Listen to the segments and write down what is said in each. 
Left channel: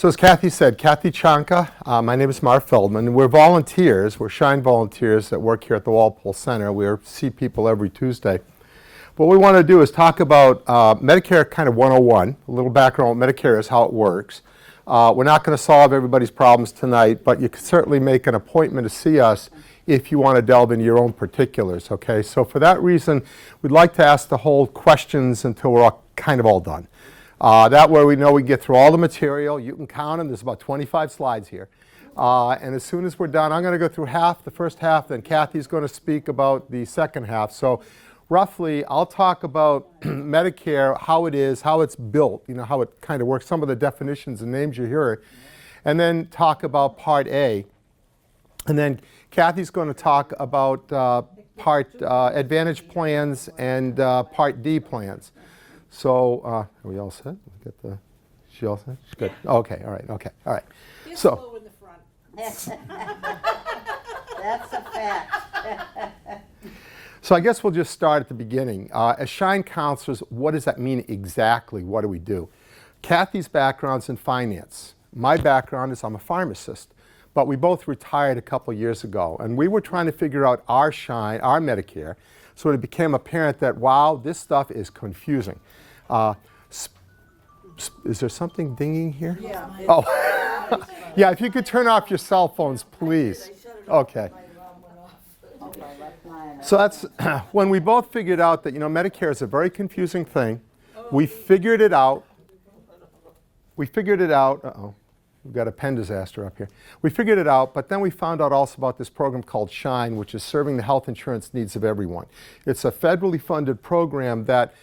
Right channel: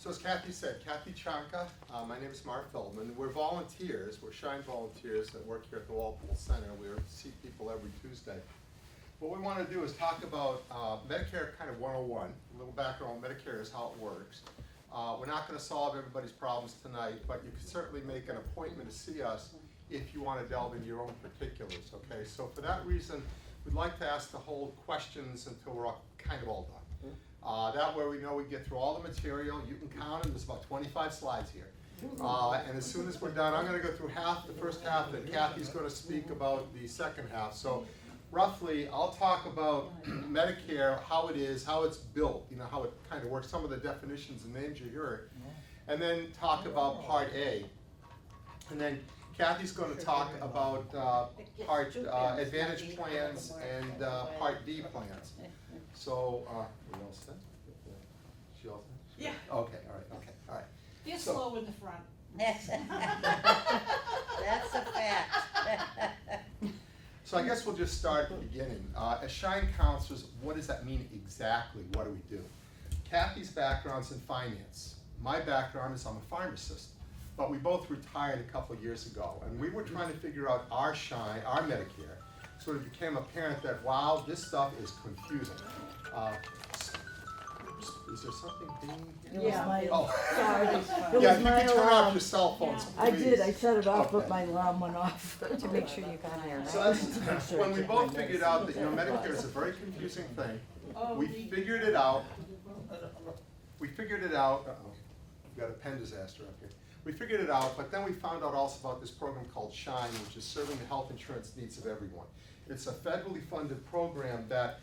So as Kathy said, Kathy Chanka, my name is Mark Feldman. We're volunteers. We're Shine volunteers that work here at the Walpole Center. We see people every Tuesday. What we want to do is talk about Medicare kind of 101, a little background on what Medicare is, how it works. We're not going to solve everybody's problems tonight, but you can certainly make an appointment to see us if you want to delve into your own particulars, okay? So for that reason, we'd like to ask the whole questions until we're kind of all done. That way we know we get through all the material. You can count them. There's about 25 slides here. And as soon as we're done, I'm going to go through the first half, then Kathy's going to speak about the second half. So roughly, I'll talk about Medicare, how it is, how it's built, you know, how it kind of works, some of the definitions and names you hear, and then talk about Part A. And then Kathy's going to talk about Advantage plans and Part D plans. So, are we all set? She all set? She's good. Yeah. Okay, all right. You're slow in the front. That's a fact. So I guess we'll just start at the beginning. As Shine counselors, what does that mean exactly? What do we do? Kathy's background's in finance. My background is I'm a pharmacist. But we both retired a couple years ago, and we were trying to figure out our Shine, our Medicare, so it became apparent that, wow, this stuff is confusing. Is there something dinging here? Yeah. Oh. Yeah, if you could turn off your cell phones, please. I did. I shut it off, Okay. but my alarm went off to make sure you can. So that's when we both figured out that, you know, Medicare is a very confusing thing. We figured it out. Uh-oh. We've got a pen disaster up here. We figured it out, but then we found out also about this program called Shine, which is serving the health insurance needs of everyone. It's a federally funded program that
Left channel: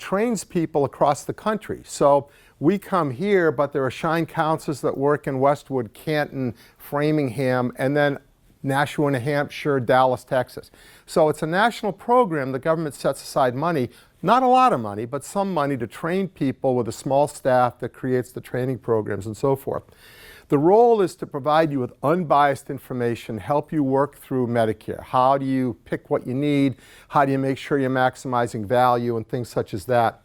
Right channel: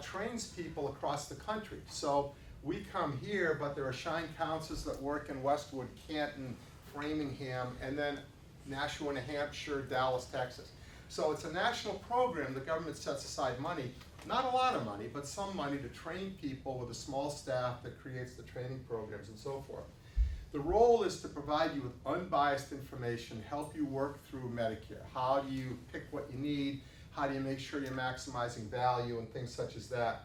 trains people across the country. So we come here, but there are Shine counselors that work in Westwood, Canton, Framingham, and then Nashua, New Hampshire, Dallas, Texas. So it's a national program. The government sets aside money, not a lot of money, but some money to train people with a small staff that creates the training programs and so forth. The role is to provide you with unbiased information, help you work through Medicare. How do you pick what you need? How do you make sure you're maximizing value and things such as that?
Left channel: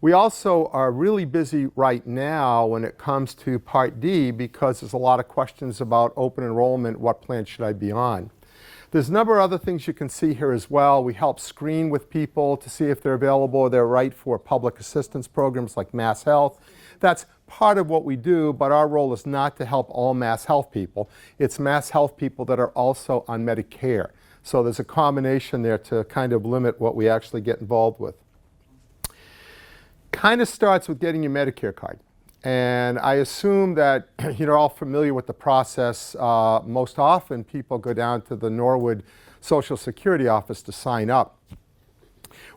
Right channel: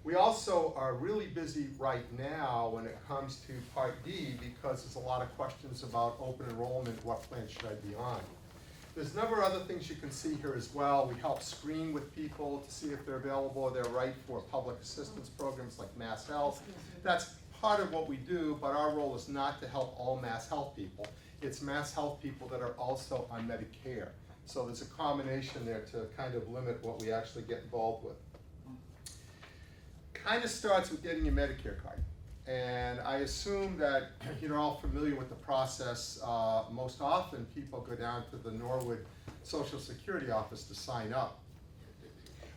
We also are really busy right now when it comes to Part D because there's a lot of questions about open enrollment, what plan should I be on? There's a number of other things you can see here as well. We help screen with people to see if they're available or they're right for public assistance programs like Mass Health. That's part of what we do, but our role is not to help all Mass Health people. It's Mass Health people that are also on Medicare. So there's a combination there to kind of limit what we actually get involved with. Kind of starts with getting your Medicare card. And I assume that you're all familiar with the process. Most often people go down to the Norwood Social Security office to sign up.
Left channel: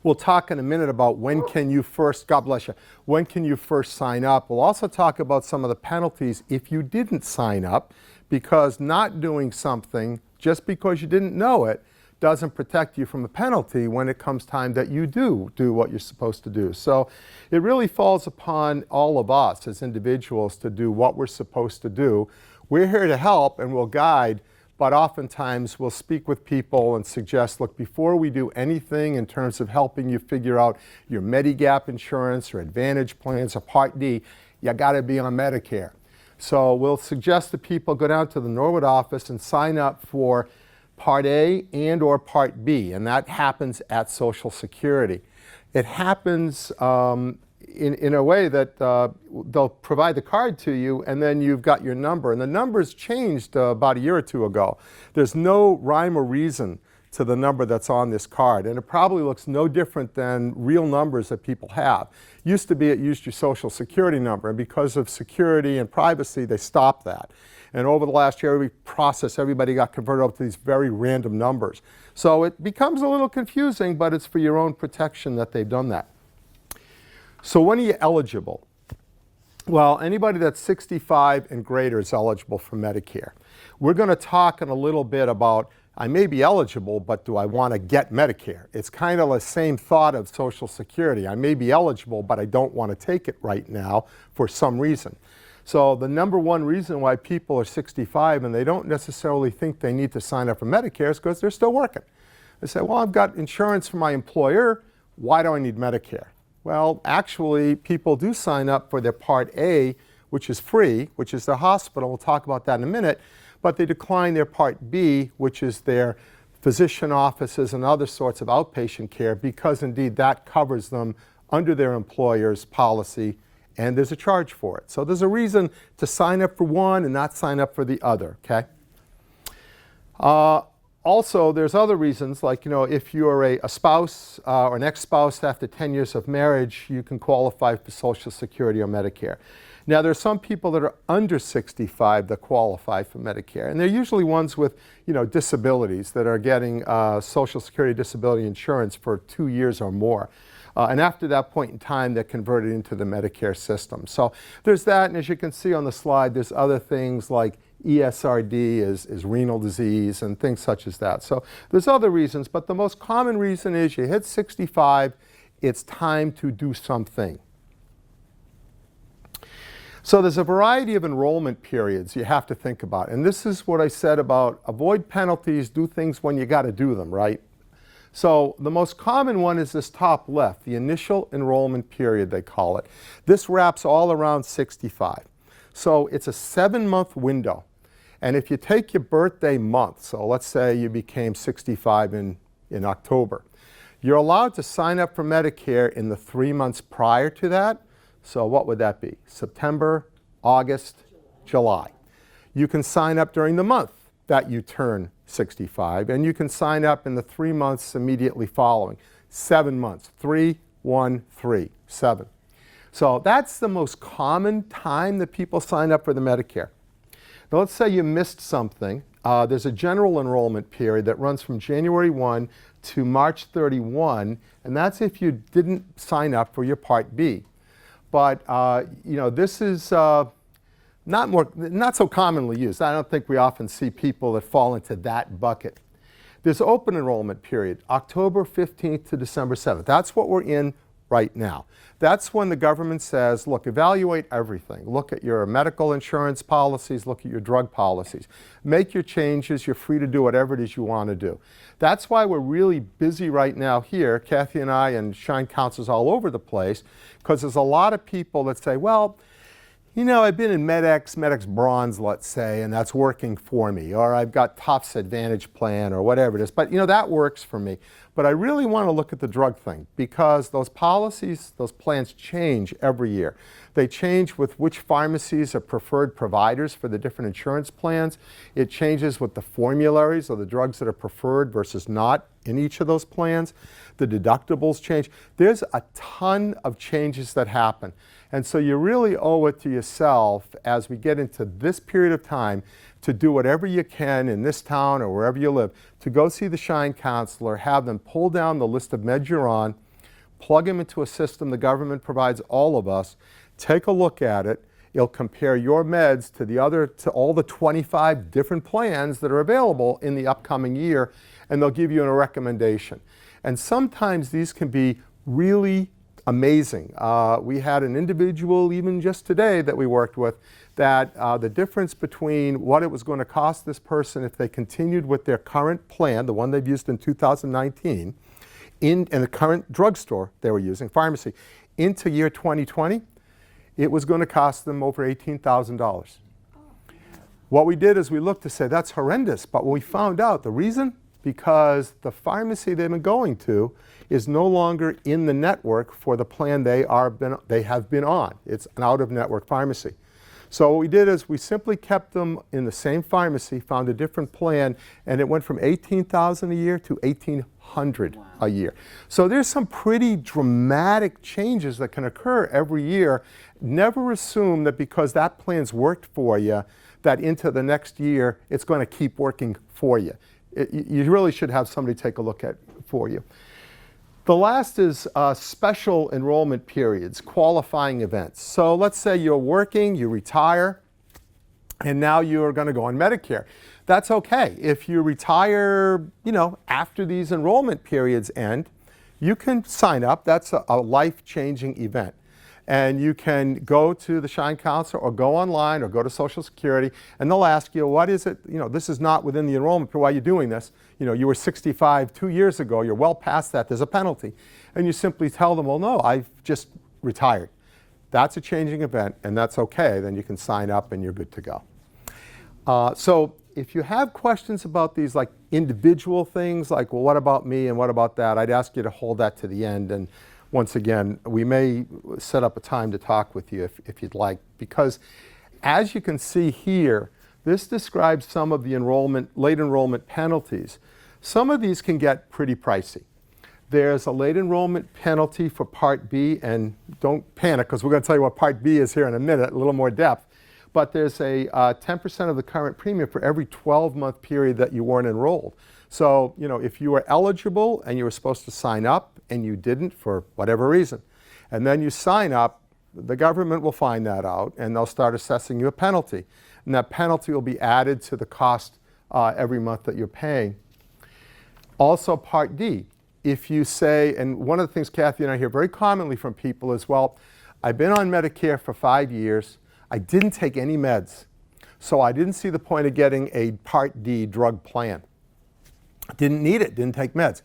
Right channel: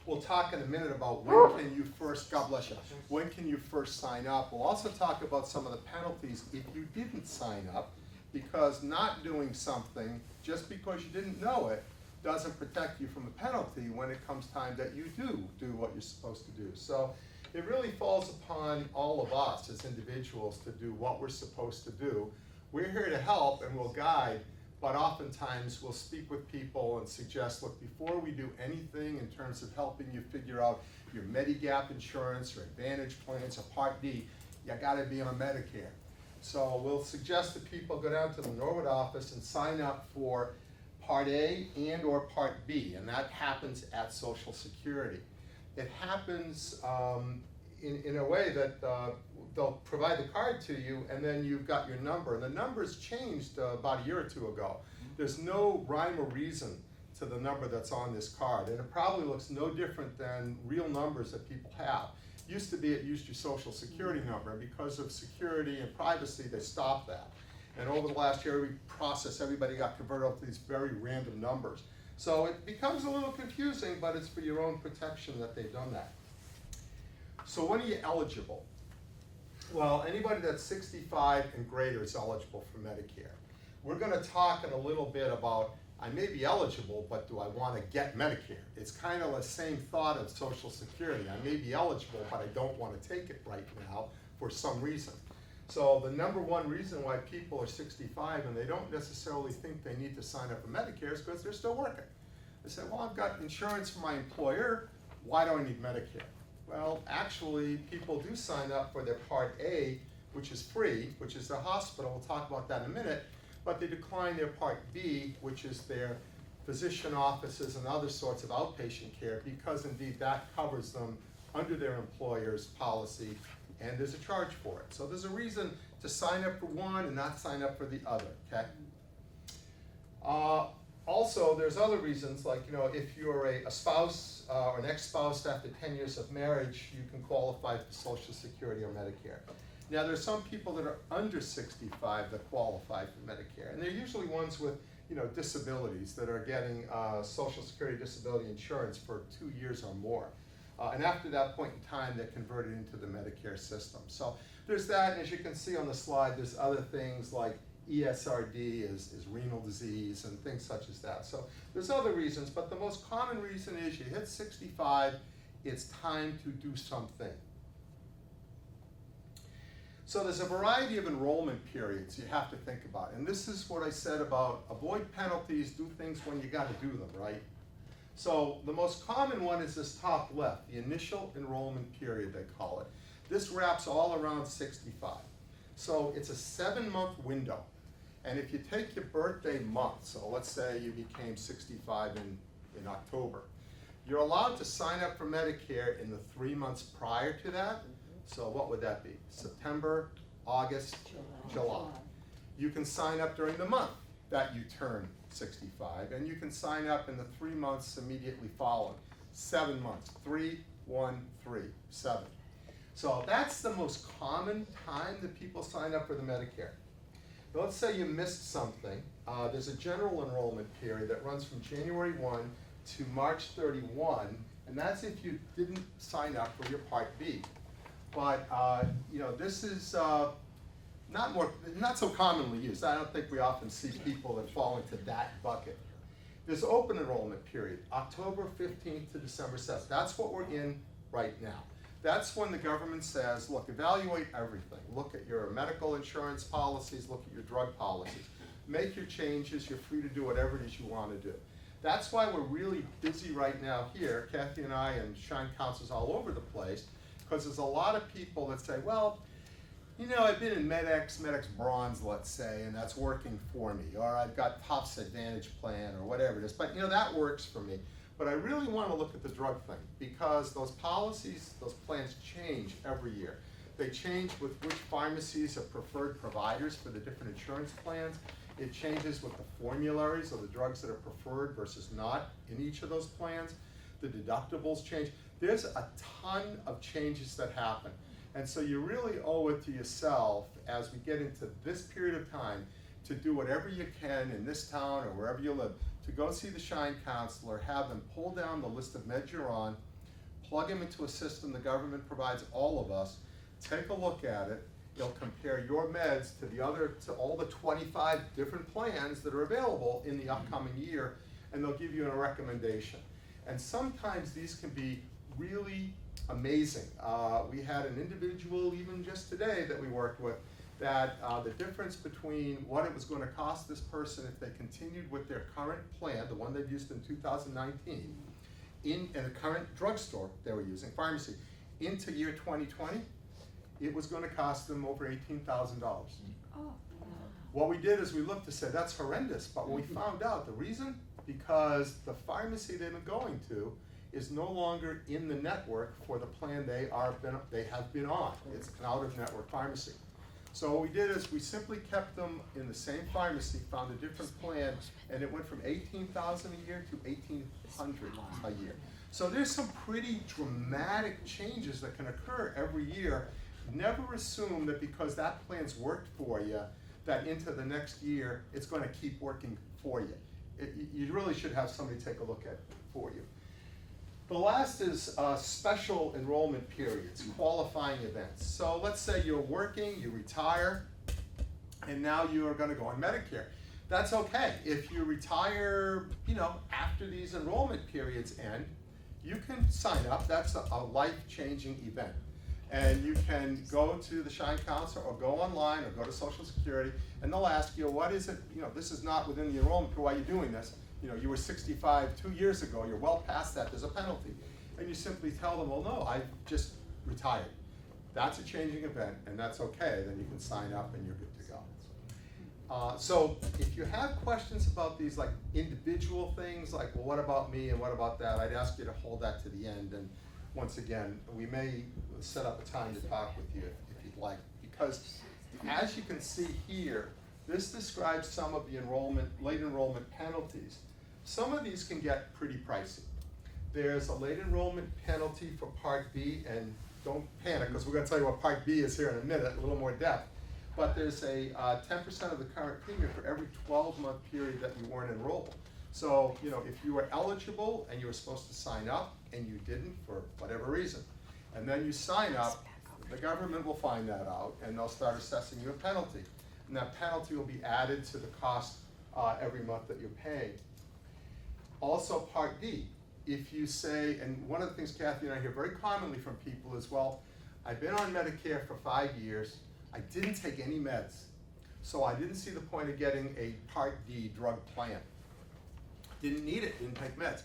We'll talk in a minute about when can you first, God bless you, when can you first sign up. We'll also talk about some of the penalties if you didn't sign up, because not doing something just because you didn't know it doesn't protect you from a penalty when it comes time that you do what you're supposed to do. So it really falls upon all of us as individuals to do what we're supposed to do. We're here to help and we'll guide, but oftentimes we'll speak with people and suggest, look, before we do anything in terms of helping you figure out your Medigap insurance or Advantage plans or Part D, you got to be on Medicare. So we'll suggest that people go down to the Norwood office and sign up for Part A and or Part B, and that happens at Social Security. It happens in a way that they'll provide the card to you and then you've got your number. And the number's changed about a year or two ago. There's no rhyme or reason to the number that's on this card. And it probably looks no different than real numbers that people have. Used to be it used your Social Security number. And because of security and privacy, they stopped that. And over the last year, everybody got converted over to these very random numbers. So it becomes a little confusing, but it's for your own protection that they've done that. So when are you eligible? Well, anybody that's 65 and greater is eligible for Medicare. We're going to talk in a little bit about, I may be eligible, but do I want to get Medicare? It's kind of the same thought of Social Security. I may be eligible, but I don't want to take it right now for some reason. So the number one reason why people are 65 and they don't necessarily think they need to sign up for Medicare is because they're still working. They say, well, I've got insurance from my employer. Why do I need Medicare? Well, actually, people do sign up for their Part A which is free, which is their hospital. We'll talk about that in a minute. But they decline their Part B, which is their physician offices and other sorts of outpatient care, because indeed that covers them under their employer's policy, and there's a charge for it. So there's a reason to sign up for one and not sign up for the other, okay? Also, there's other reasons, like, if you're a spouse or an ex-spouse after 10 years of marriage, you can qualify for Social Security or Medicare. Now, there are some people that are under 65 that qualify for Medicare, and they're usually ones with, disabilities that are getting Social Security disability insurance for 2 years or more. And after that point in time, they're converted into the Medicare system. So there's that, and as you can see on the slide, there's other things like ESRD is renal disease and things such as that. So there's other reasons, but the most common reason is you hit 65, it's time to do something. So there's a variety of enrollment periods you have to think about. And this is what I said about avoid penalties, do things when you got to do them, right? So the most common one is this top left, the initial enrollment period, they call it. This wraps all around 65. So it's a 7-month window. And if you take your birthday month, so let's say you became 65 in October, you're allowed to sign up for Medicare in the 3 months prior to that. So what would that be? September, August, July. You can sign up during the month that you turn 65, and you can sign up in the 3 months immediately following. 7 months, 3, 1, 3, 7. So that's the most common time that people sign up for the Medicare. Now let's say you missed something. There's a general enrollment period that runs from January 1 to March 31, and that's if you didn't sign up for your Part B. But this is not so commonly used. I don't think we often see people that fall into that bucket. There's open enrollment period, October 15th to December 7th. That's what we're in right now. That's when the government says, look, evaluate everything. Look at your medical insurance policies, look at your drug policies. Make your changes. You're free to do whatever it is you want to do. That's why we're really busy right now here, Kathy and I and Shine Councils all over the place, because there's a lot of people that say, well, I've been in MedX Bronze, let's say, and that's working for me. Or I've got Tufts Advantage Plan or whatever it is. But, that works for me. But I really want to look at the drug thing, because those policies, those plans change every year. They change with which pharmacies are preferred providers for the different insurance plans. It changes with the formularies or the drugs that are preferred versus not in each of those plans. The deductibles change. There's a ton of changes that happen. And so you really owe it to yourself as we get into this period of time to do whatever you can in this town or wherever you live, to go see the Shine Counselor, have them pull down the list of meds you're on, plug them into a system the government provides all of us, take a look at it. It'll compare your meds to all the 25 different plans that are available in the upcoming year, and they'll give you a recommendation. And sometimes these can be really amazing. We had an individual, even just today, that we worked with, that the difference between what it was going to cost this person if they continued with their current plan, the one they've used in 2019, in the current drugstore they were using, pharmacy, into year 2020, it was going to cost them over $18,000. What we did is we looked to say, that's horrendous. But when we found out the reason, because the pharmacy they've been going to is no longer in the network for the plan they have been on. It's an out-of-network pharmacy. So what we did is we simply kept them in the same pharmacy, found a different plan, and it went from $18,000 a year to $1,800 a year. So there's some pretty dramatic changes that can occur every year. Never assume that because that plan's worked for you, that into the next year it's going to keep working for you. You really should have somebody take a look at for you. The last is special enrollment periods, qualifying events. So let's say you're working, you retire, and now you're going to go on Medicare. That's okay. If you retire, after these enrollment periods end, you can sign up. That's a life-changing event. And you can go to the Shine Counselor or go online or go to Social Security, and they'll ask you, what is it? This is not within the enrollment period. Why are you doing this? You were 65 2 years ago. You're well past that. There's a penalty. And you simply tell them, well, no, I've just retired. That's a changing event, and that's okay. Then you can sign up and you're good to go. So if you have questions about these like individual things, like, well, what about me and what about that, I'd ask you to hold that to the end. And once again, we may set up a time to talk with you if you'd like, because as you can see here, this describes some of the late enrollment penalties. Some of these can get pretty pricey. There's a late enrollment penalty for Part B, and don't panic because we're going to tell you what Part B is here in a minute, a little more depth. But there's a 10% of the current premium for every 12-month period that you weren't enrolled. So, you know, if you were eligible and you were supposed to sign up and you didn't for whatever reason, and then you sign up, the government will find that out and they'll start assessing you a penalty. And that penalty will be added to the cost every month that you're paying. Also, Part D, if you say, and one of the things Kathy and I hear very commonly from people is, well, I've been on Medicare for 5 years, I didn't take any meds, so I didn't see the point of getting a Part D drug plan. Didn't need it, didn't take meds.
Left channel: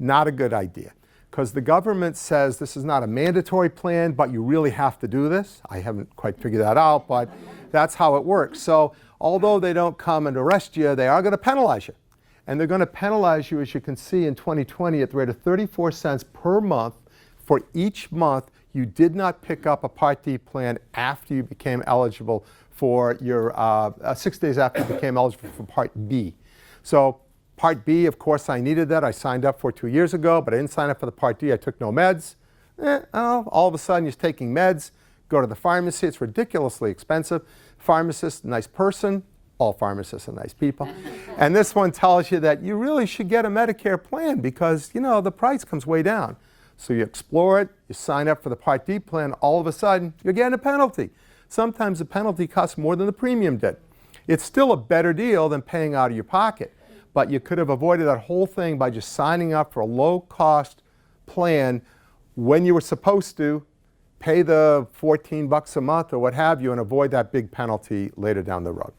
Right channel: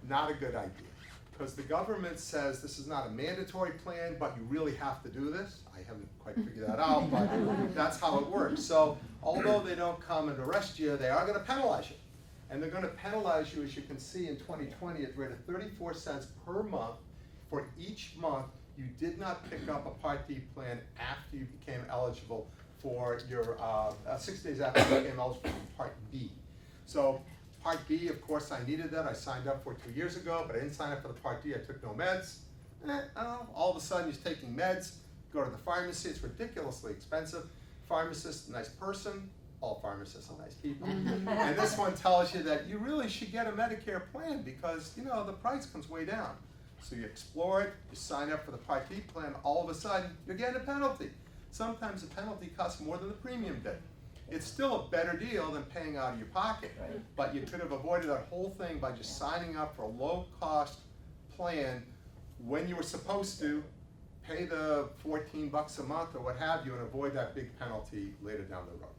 Not a good idea, because the government says this is not a mandatory plan, but you really have to do this. I haven't quite figured that out, but that's how it works. So although they don't come and arrest you, they are going to penalize you. And they're going to penalize you, as you can see, in 2020 at the rate of 34 cents per month for each month you did not pick up a Part D plan after you became eligible for your 6 days after you became eligible for Part B. So Part B, of course, I needed that. I signed up for it 2 years ago, but I didn't sign up for the Part D. I took no meds. All of a sudden, you're taking meds. Go to the pharmacy. It's ridiculously expensive. Pharmacist, nice person. All pharmacists are nice people. And this one tells you that you really should get a Medicare plan because, you know, the price comes way down. So you explore it, you sign up for the Part D plan, all of a sudden, you're getting a penalty. Sometimes the penalty costs more than the premium did. It's still a better deal than paying out of your pocket, but you could have avoided that whole thing by just signing up for a low-cost plan when you were supposed to pay the $14 a month or what have you and avoid that big penalty later down the road.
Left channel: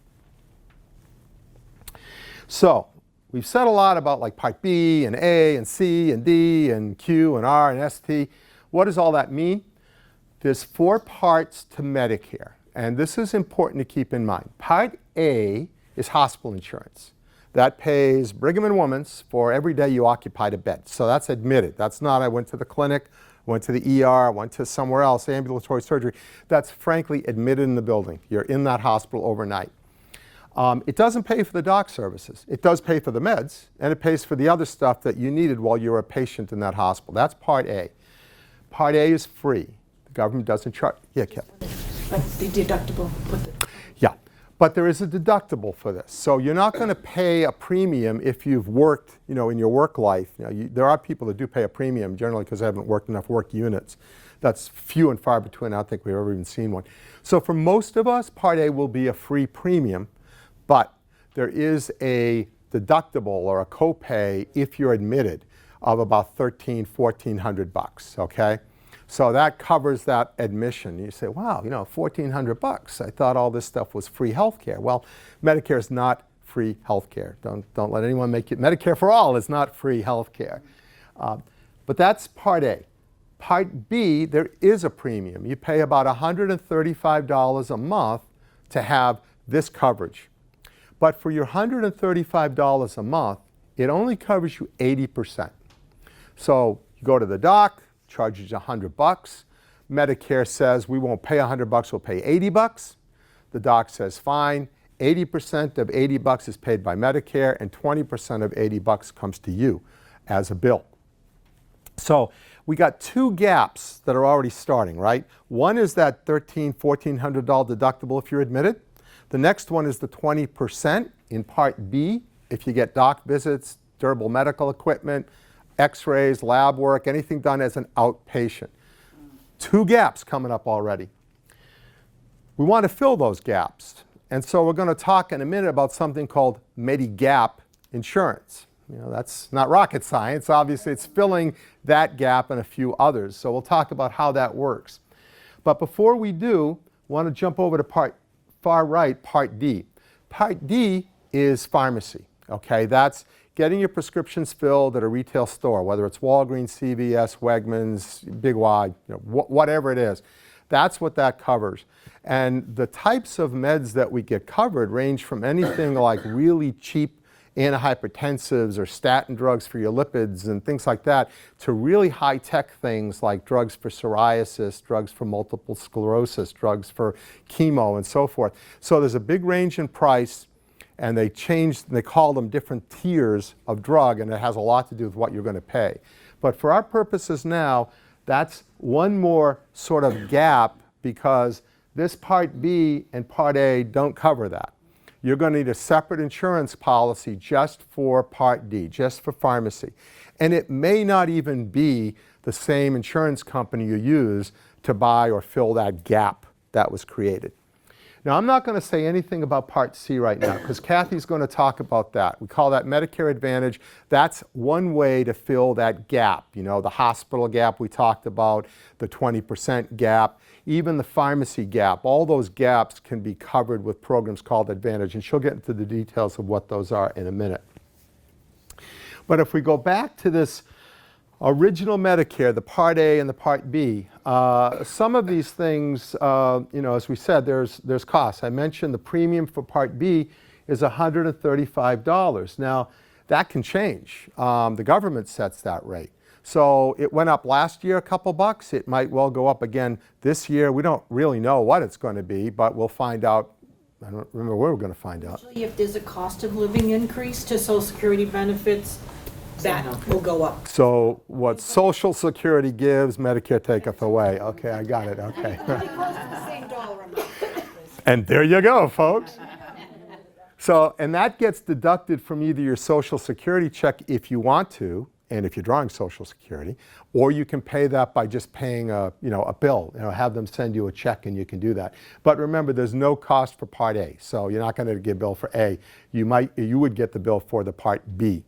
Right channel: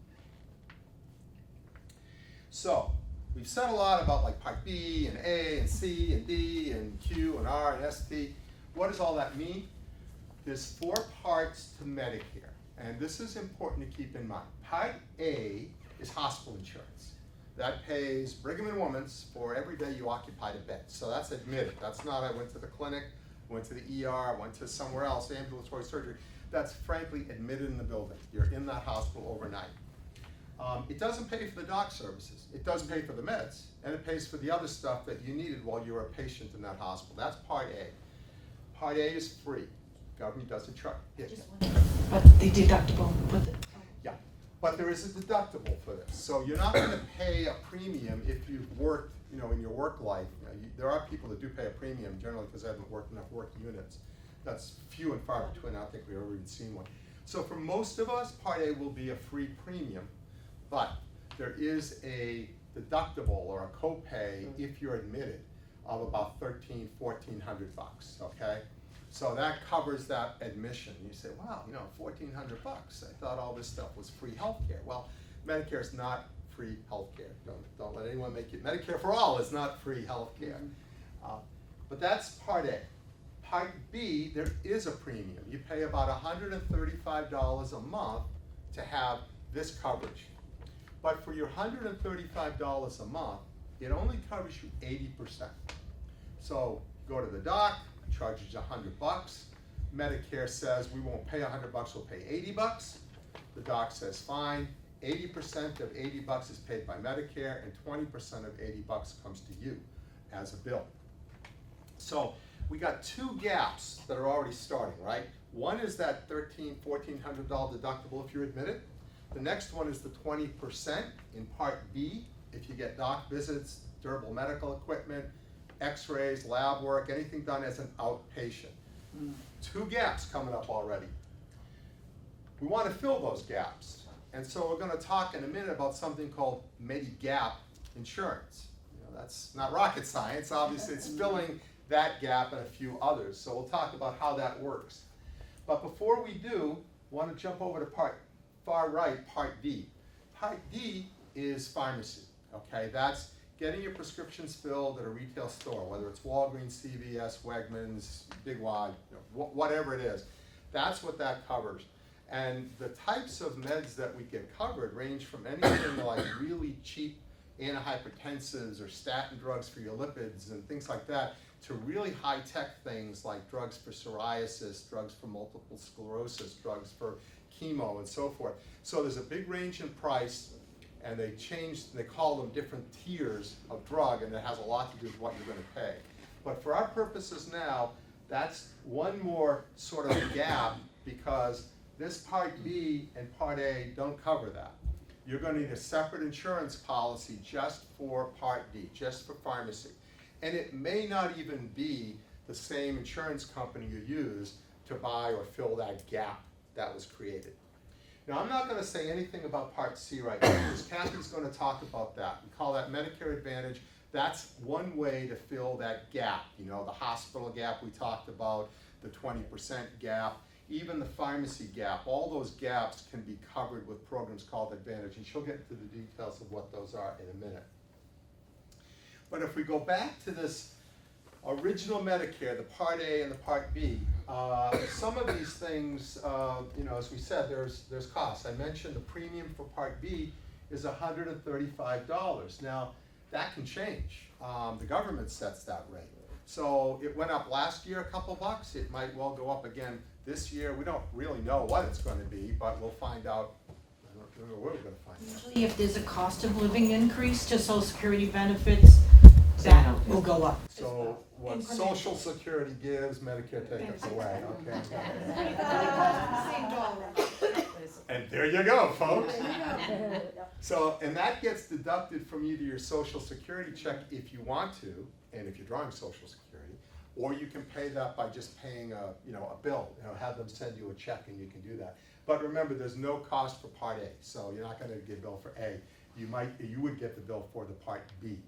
So we've said a lot about like Part B and A and C and D and Q and R and ST. What does all that mean? There's 4 parts to Medicare, and this is important to keep in mind. Part A is hospital insurance. That pays Brigham and Women's for every day you occupied a bed. So that's admitted. That's not I went to the clinic, went to the ER, went to somewhere else, ambulatory surgery. That's frankly admitted in the building. You're in that hospital overnight. It doesn't pay for the doc services. It does pay for the meds, and it pays for the other stuff that you needed while you were a patient in that hospital. That's Part A. Part A is free. The government doesn't charge. Yeah, Kevin. But the deductible with it. Yeah, but there is a deductible for this. So you're not going to pay a premium if you've worked, you know, in your work life. You know, there are people that do pay a premium generally because they haven't worked enough work units. That's few and far between. I don't think we've ever even seen one. So for most of us, Part A will be a free premium. But there is a deductible or a copay if you're admitted of about $1,400, okay? So that covers that admission. You say, wow, you know, $1,400. I thought all this stuff was free health care. Well, Medicare is not free health care. Don't let anyone make it. Medicare for all is not free health care. But that's Part A. Part B, there is a premium. You pay about $135 a month to have this coverage. But for your $135 a month, it only covers you 80%. So you go to the doc, charges you $100. Medicare says we won't pay $100, we'll pay $80. The doc says fine. 80% of $80 is paid by Medicare, and 20% of $80 comes to you as a bill. So we got 2 gaps that are already starting, right? One is that $1,300, $1,400 deductible if you're admitted. The next one is the 20% in Part B if you get doc visits, durable medical equipment, x-rays, lab work, anything done as an outpatient. 2 gaps coming up already. We want to fill those gaps. And so we're going to talk in a minute about something called Medigap insurance. You know, that's not rocket science. Obviously, it's filling that gap and a few others. So we'll talk about how that works. But before we do, I want to jump over to far right, Part D. Part D is pharmacy, okay? That's getting your prescriptions filled at a retail store, whether it's Walgreens, CVS, Wegmans, Big Y, you know, whatever it is. That's what that covers. And the types of meds that we get covered range from anything like really cheap antihypertensives or statin drugs for your lipids and things like that, to really high-tech things like drugs for psoriasis, drugs for multiple sclerosis, drugs for chemo, and so forth. So there's a big range in price, and they call them different tiers of drug, and it has a lot to do with what you're going to pay. But for our purposes now, that's one more sort of gap, because this Part B and Part A don't cover that. You're going to need a separate insurance policy just for Part D, just for pharmacy. And it may not even be the same insurance company you use to buy or fill that gap that was created. Now, I'm not going to say anything about Part C right now, because Kathy's going to talk about that. We call that Medicare Advantage. That's one way to fill that gap. You know, the hospital gap we talked about, the 20% gap, even the pharmacy gap. All those gaps can be covered with programs called Advantage, and she'll get into the details of what those are in a minute. But if we go back to this original Medicare, the Part A and the Part B, some of these things, you know, as we said, there's costs. I mentioned the premium for Part B is $135. Now, that can change. The government sets that rate. So it went up last year a couple bucks. It might well go up again this year. We don't really know what it's going to be, but we'll find out. I don't remember where we're going to find out. Usually if there's a cost of living increase to Social Security benefits, that will go up. So what Social Security gives, Medicare taketh away. Okay, I got it. Okay. And there you go, folks. So, and that gets deducted from either your Social Security check if you want to, and if you're drawing Social Security, or you can pay that by just paying a bill. You know, have them send you a check, and you can do that. But remember, there's no cost for Part A, so you're not going to get a bill for A. You would get the bill for the Part B.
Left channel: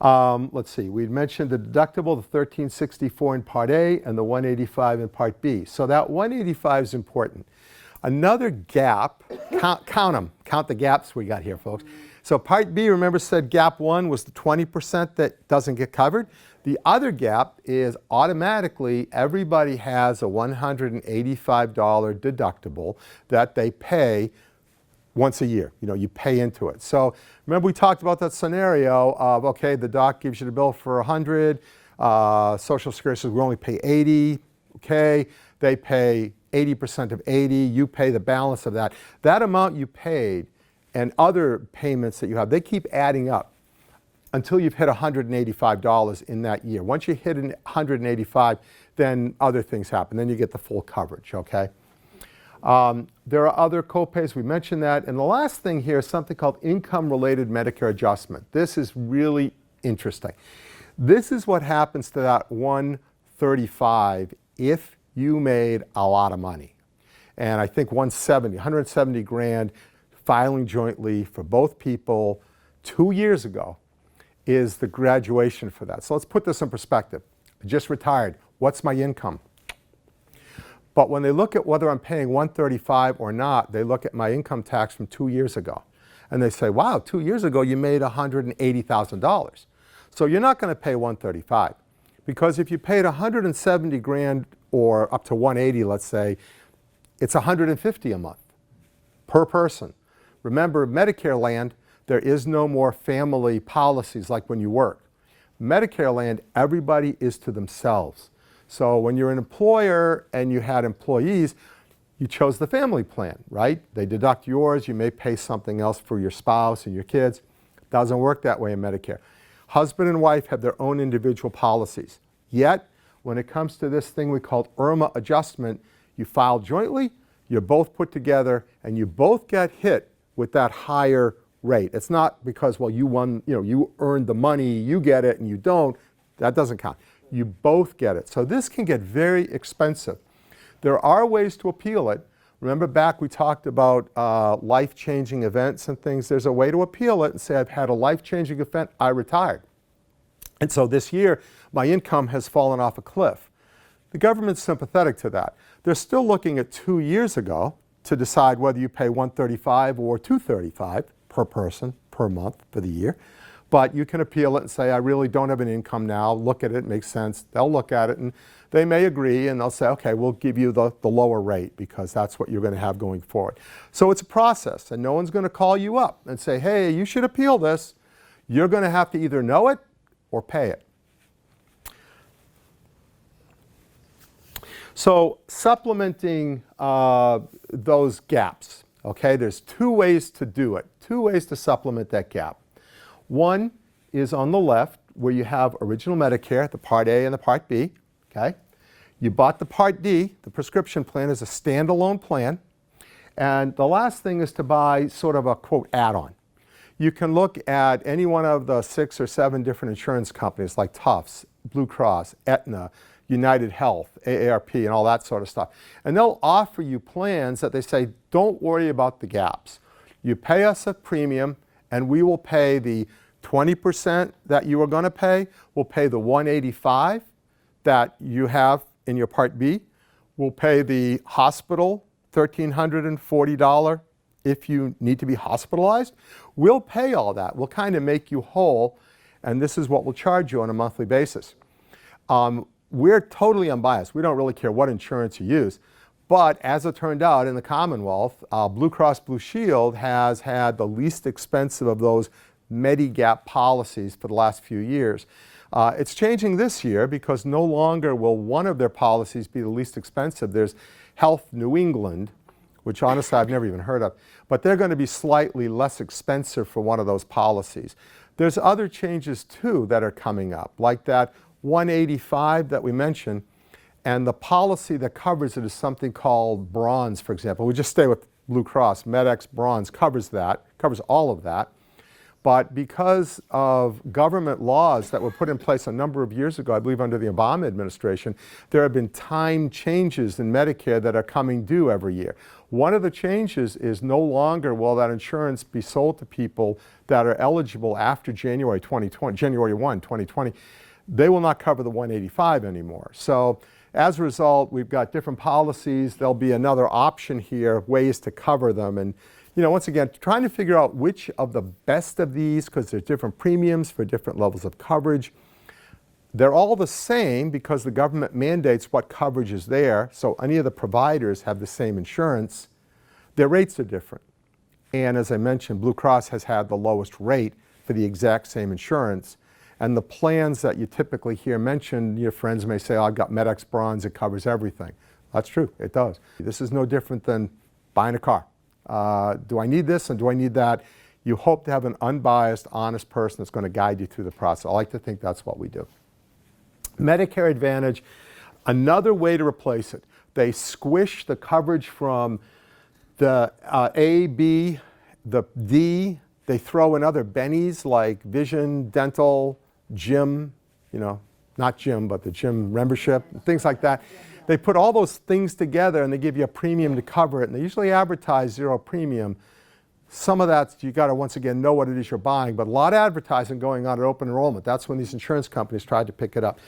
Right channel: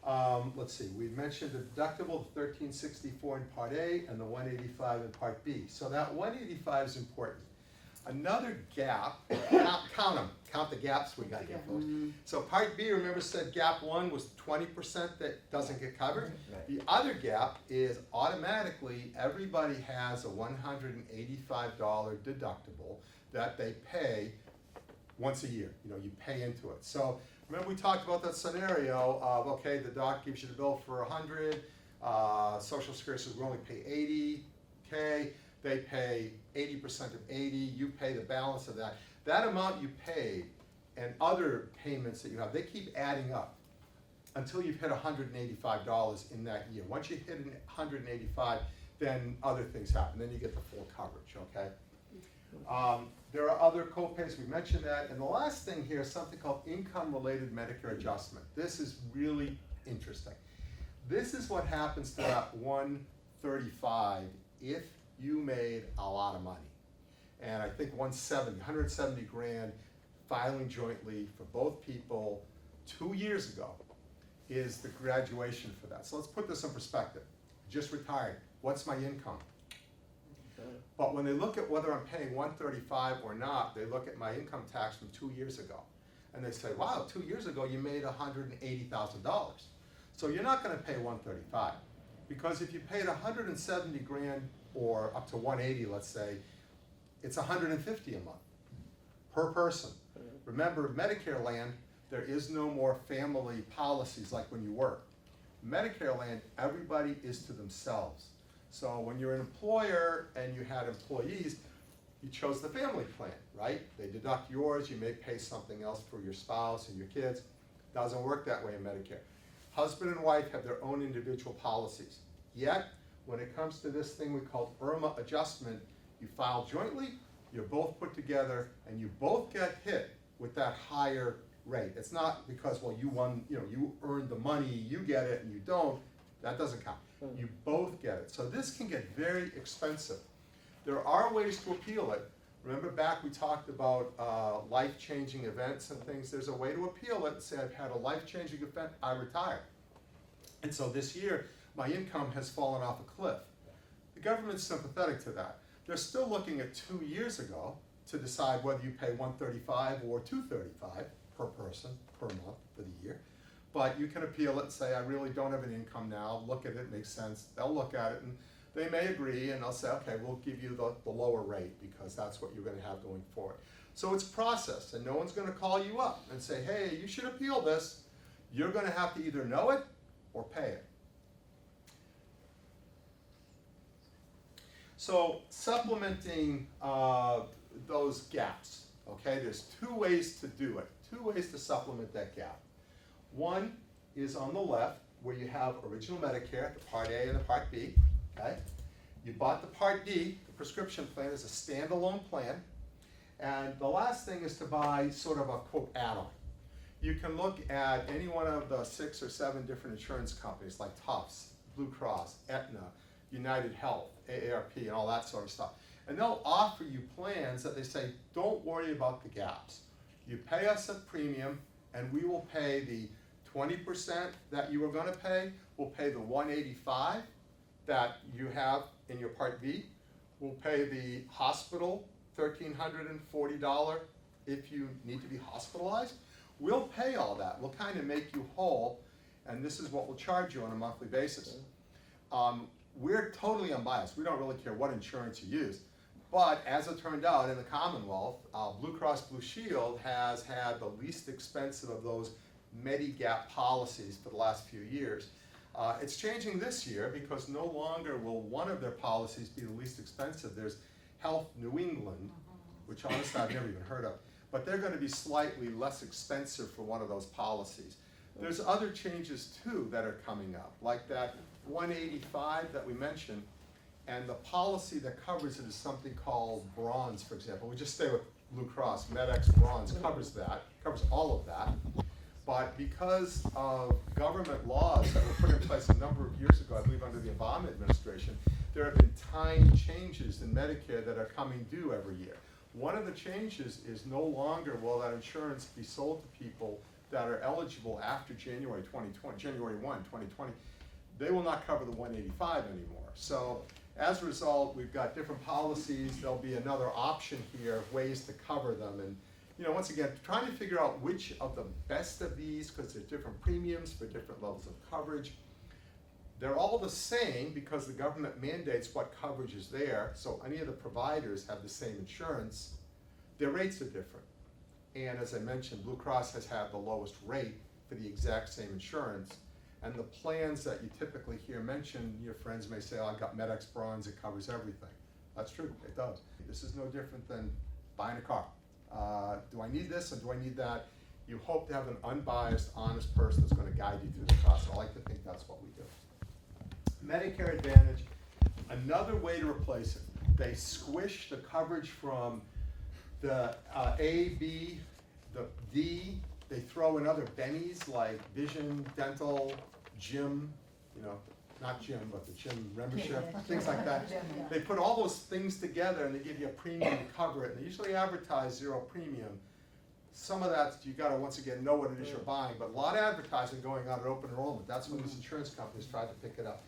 Let's see. We mentioned the deductible, the $1,364 in Part A, and the $185 in Part B. So that $185 is important. Another gap. Count them. Count the gaps we got here, folks. So Part B, remember, said gap 1 was the 20% that doesn't get covered. The other gap is automatically everybody has a $185 deductible that they pay once a year. You know, you pay into it. So remember, we talked about that scenario of, okay, the doc gives you the bill for 100, Social Security says we only pay 80, okay, they pay 80% of 80, you pay the balance of that. That amount you paid and other payments that you have, they keep adding up until you've hit $185 in that year. Once you hit $185, then other things happen. Then you get the full coverage, okay? There are other copays, we mentioned that. And the last thing here is something called income-related Medicare adjustment. This is really interesting. This is what happens to that $135 if you made a lot of money. And I think $170 grand filing jointly for both people 2 years ago is the graduation for that. So let's put this in perspective. I just retired. What's my income? But when they look at whether I'm paying $135 or not, they look at my income tax from 2 years ago. And they say, wow, 2 years ago you made $180,000. So you're not going to pay $135. Because if you paid $170 grand or up to $180, let's say, it's $150 a month per person. Remember, Medicare land, there is no more family policies like when you work. Medicare land, everybody is to themselves. So when you're an employer and you had employees, you chose the family plan, right? They deduct yours, you may pay something else for your spouse and your kids. Doesn't work that way in Medicare. Husband and wife have their own individual policies. Yet, when it comes to this thing we call IRMA adjustment, you file jointly, you're both put together, and you both get hit with that higher rate. It's not because, well, you won, you earned the money, you get it, and you don't. That doesn't count. You both get it. So this can get very expensive. There are ways to appeal it. Remember back we talked about life-changing events and things. There's a way to appeal it and say, I've had a life-changing event, I retired. And so this year, my income has fallen off a cliff. The government's sympathetic to that. They're still looking at 2 years ago to decide whether you pay $135 or $235 per person per month for the year. But you can appeal it and say, I really don't have an income now. Look at it, it makes sense. They'll look at it and they may agree and they'll say, okay, we'll give you the lower rate because that's what you're going to have going forward. So it's a process, and no one's going to call you up and say, hey, you should appeal this. You're going to have to either know it or pay it. So supplementing those gaps, okay, there's two ways to do it, two ways to supplement that gap. One is on the left where you have original Medicare, the Part A and the Part B, okay? You bought the Part D, the prescription plan, is a standalone plan. And the last thing is to buy sort of a, quote, add-on. You can look at any one of the 6 or 7 different insurance companies like Tufts, Blue Cross, Aetna, United Health, AARP, and all that sort of stuff. And they'll offer you plans that they say, don't worry about the gaps. You pay us a premium, and we will pay the 20% that you are going to pay. We'll pay the $185 that you have in your Part B. We'll pay the hospital $1,340 if you need to be hospitalized. We'll pay all that. We'll kind of make you whole, and this is what we'll charge you on a monthly basis. We're totally unbiased. We don't really care what insurance you use. But as it turned out, in the Commonwealth, Blue Cross Blue Shield has had the least expensive of those Medigap policies for the last few years. It's changing this year because no longer will one of their policies be the least expensive. There's Health New England, which honestly I've never even heard of, but they're going to be slightly less expensive for one of those policies. There's other changes too that are coming up, like that 185 that we mentioned, and the policy that covers it is something called Bronze, for example. We just stay with Blue Cross. MedX Bronze covers that, covers all of that. But because of government laws that were put in place a number of years ago, I believe under the Obama administration, there have been time changes in Medicare that are coming due every year. One of the changes is no longer will that insurance be sold to people that are eligible after January 1, 2020. They will not cover the 185 anymore. So as a result, we've got different policies. There'll be another option here, ways to cover them. And once again, trying to figure out which of the best of these, because there's different premiums for different levels of coverage. They're all the same because the government mandates what coverage is there. So any of the providers have the same insurance. Their rates are different. And as I mentioned, Blue Cross has had the lowest rate for the exact same insurance. And the plans that you typically hear mentioned, your friends may say, oh, I've got MedX Bronze, it covers everything. That's true, it does. This is no different than buying a car. Do I need this and do I need that? You hope to have an unbiased, honest person that's going to guide you through the process. I like to think that's what we do. Medicare Advantage, another way to replace it. They squish the coverage from the A, B, the D. They throw in other bennies like vision, dental, gym, not gym, but the gym membership, things like that. They put all those things together and they give you a premium to cover it. And they usually advertise zero premium. Some of that, you got to once again know what it is you're buying, but a lot of advertising going on at open enrollment. That's when these insurance companies tried to pick it up.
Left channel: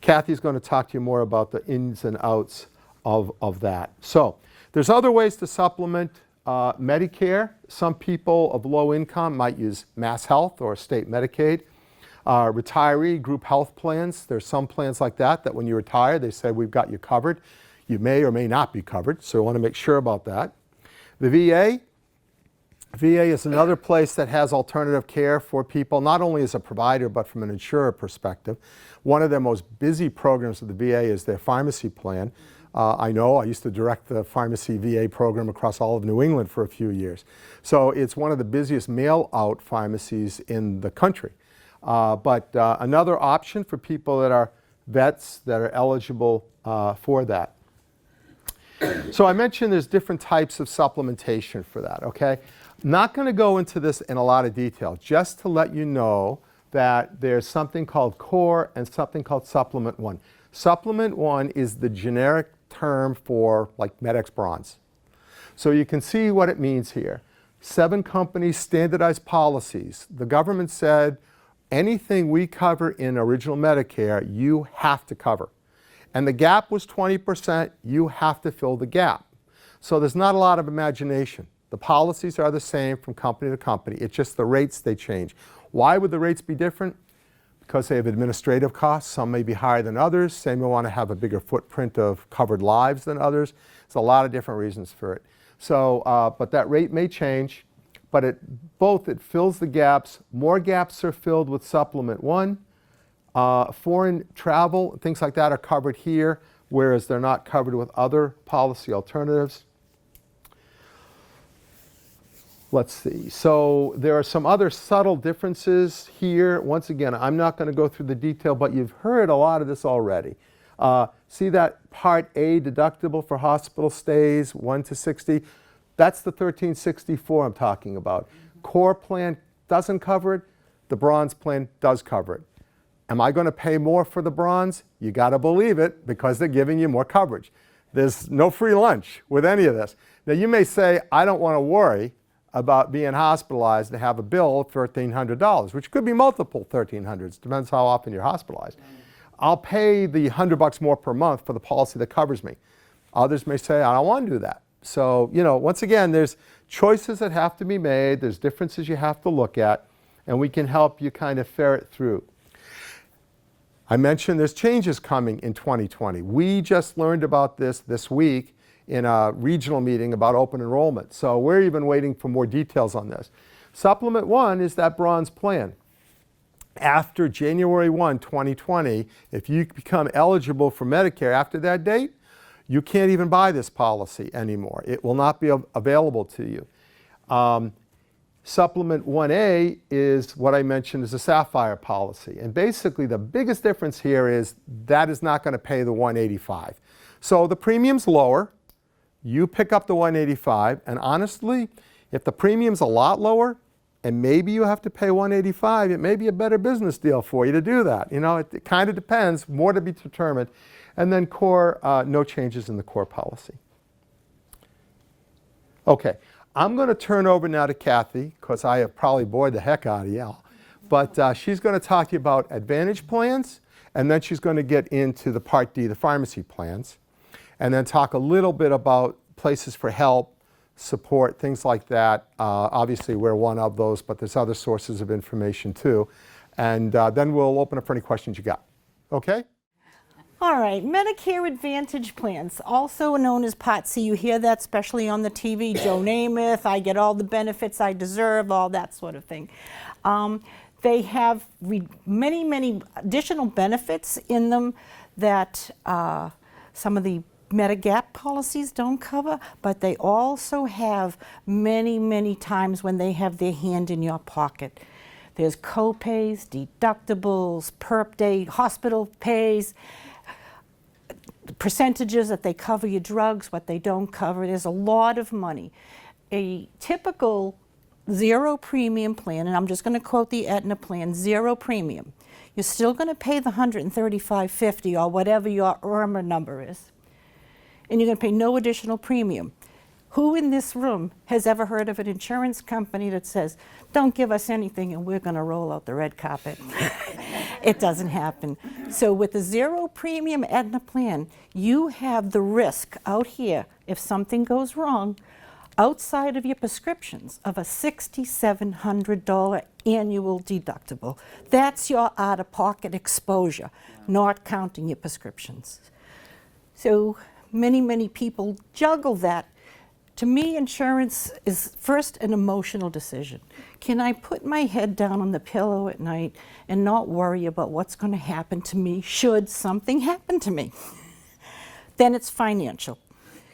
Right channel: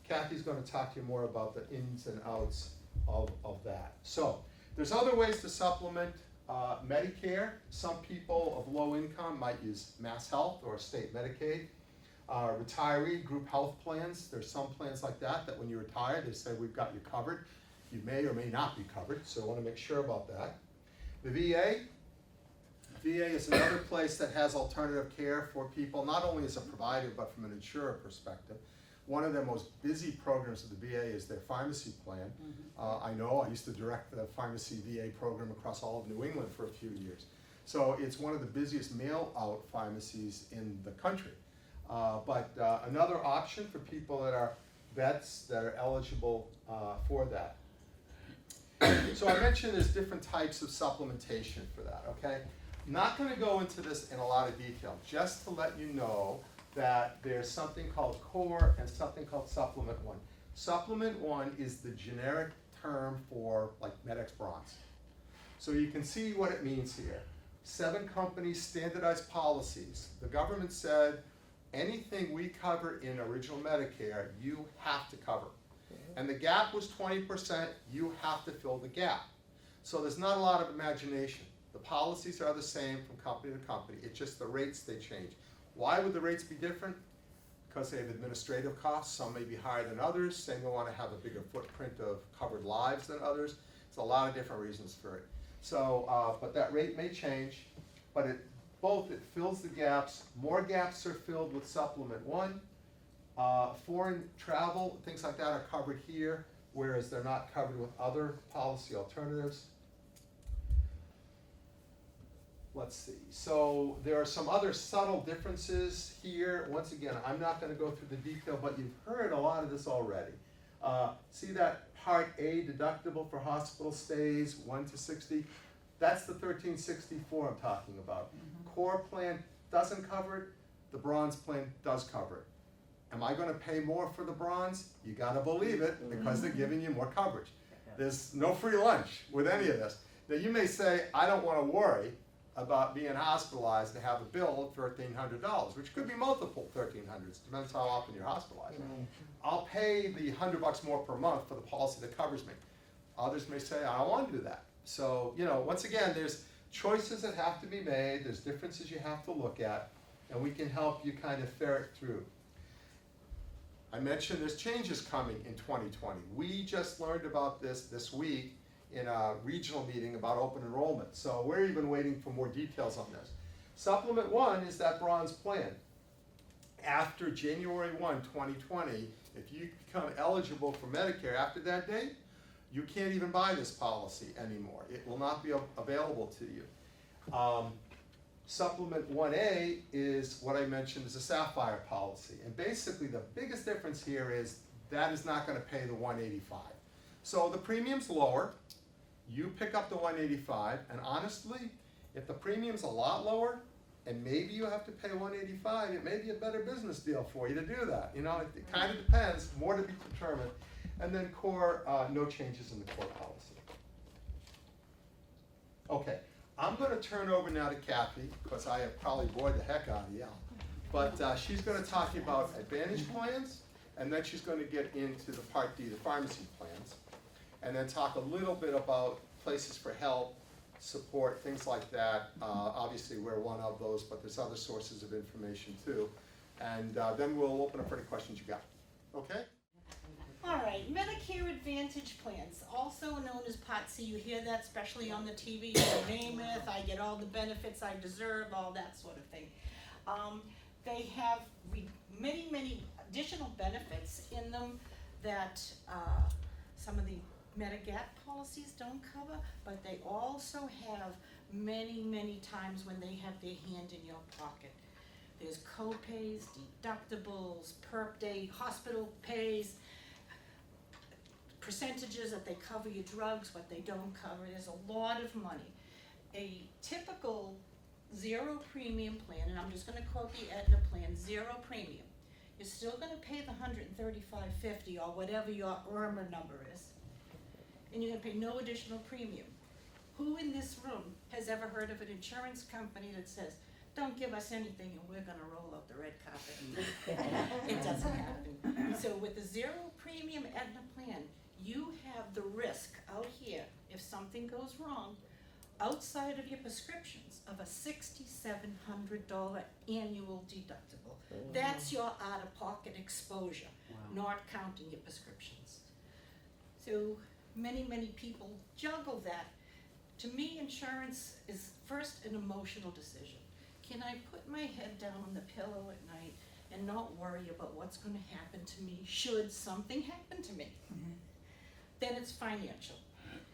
Kathy's going to talk to you more about the ins and outs of that. So there's other ways to supplement Medicare. Some people of low income might use Mass Health or state Medicaid. Retiree group health plans, there's some plans like that when you retire, they say we've got you covered. You may or may not be covered, so we want to make sure about that. The VA is another place that has alternative care for people, not only as a provider, but from an insurer perspective. One of their most busy programs of the VA is their pharmacy plan. I know, I used to direct the pharmacy VA program across all of New England for a few years. So it's one of the busiest mail-out pharmacies in the country. But another option for people that are vets that are eligible for that. So I mentioned there's different types of supplementation for that, okay? Not going to go into this in a lot of detail, just to let you know that there's something called Core and something called Supplement 1. Supplement 1 is the generic term for like MedX Bronze. So you can see what it means here. 7 companies, standardized policies. The government said anything we cover in original Medicare, you have to cover. And the gap was 20%, you have to fill the gap. So there's not a lot of imagination. The policies are the same from company to company. It's just the rates they change. Why would the rates be different? because they have administrative costs. Some may be higher than others. Some may want to have a bigger footprint of covered lives than others. There's a lot of different reasons for it. So, but that rate may change, but it fills the gaps. More gaps are filled with Supplement 1. Foreign travel, things like that are covered here, whereas they're not covered with other policy alternatives. Let's see. So there are some other subtle differences here. Once again, I'm not going to go through the detail, but you've heard a lot of this already. See that Part A deductible for hospital stays, 1 to 60? That's the 1364 I'm talking about. Core plan doesn't cover it. The bronze plan does cover it. Am I going to pay more for the bronze? You got to believe it, because they're giving you more coverage. There's no free lunch with any of this. Now you may say, I don't want to worry about being hospitalized to have a bill of $1,300, which could be multiple 1,300s, depends how often you're hospitalized. I'll pay the $100 more per month for the policy that covers me. Others may say, I don't want to do that. So, you know, once again, there's choices that have to be made, there's differences you have to look at, and we can help you kind of ferret through. I mentioned there's changes coming in 2020. We just learned about this week in a regional meeting about open enrollment. So we're even waiting for more details on this. Supplement 1 is that bronze plan. After January 1, 2020, if you become eligible for Medicare after that date, you can't even buy this policy anymore. It will not be available to you. Supplement 1A is what I mentioned is a Sapphire policy. And basically the biggest difference here is that is not going to pay the $185. So the premium's lower. You pick up the $185, and honestly, if the premium's a lot lower, and maybe you have to pay $185, it may be a better business deal for you to do that. You know, it kind of depends, more to be determined. And then core, no changes in the core policy. Okay, I'm going to turn over now to Kathy, because I have probably bored the heck out of you. But she's going to talk to you about Advantage plans, and then she's going to get into the Part D, the pharmacy plans, and then talk a little bit about places for help, support, things like that. Obviously, we're one of those, but there's other sources of information too. And then we'll open up for any questions you got. Okay? All right, Medicare Advantage plans, also known as Part C. You hear that especially on the TV, Joe Namath, I get all the benefits I deserve, all that sort of thing. They have many, many additional benefits in them that some of the Medigap policies don't cover, but they also have many, many times when they have their hand in your pocket. There's co-pays, deductibles, perp day, hospital pays, percentages that they cover your drugs, what they don't cover. There's a lot of money. A typical zero premium plan, and I'm just going to quote the Aetna plan, zero premium. You're still going to pay the $135.50 or whatever your IRMA number is, and you're going to pay no additional premium. Who in this room has ever heard of an insurance company that says, don't give us anything and we're going to roll out the red carpet? It doesn't happen. So with a zero premium Aetna plan, you have the risk out here, if something goes wrong, outside of your prescriptions, of a $6,700 annual deductible. That's your out-of-pocket exposure, not counting your prescriptions. So many, many people juggle that. To me, insurance is first an emotional decision. Can I put my head down on the pillow at night and not worry about what's going to happen to me should something happen to me? Then it's financial.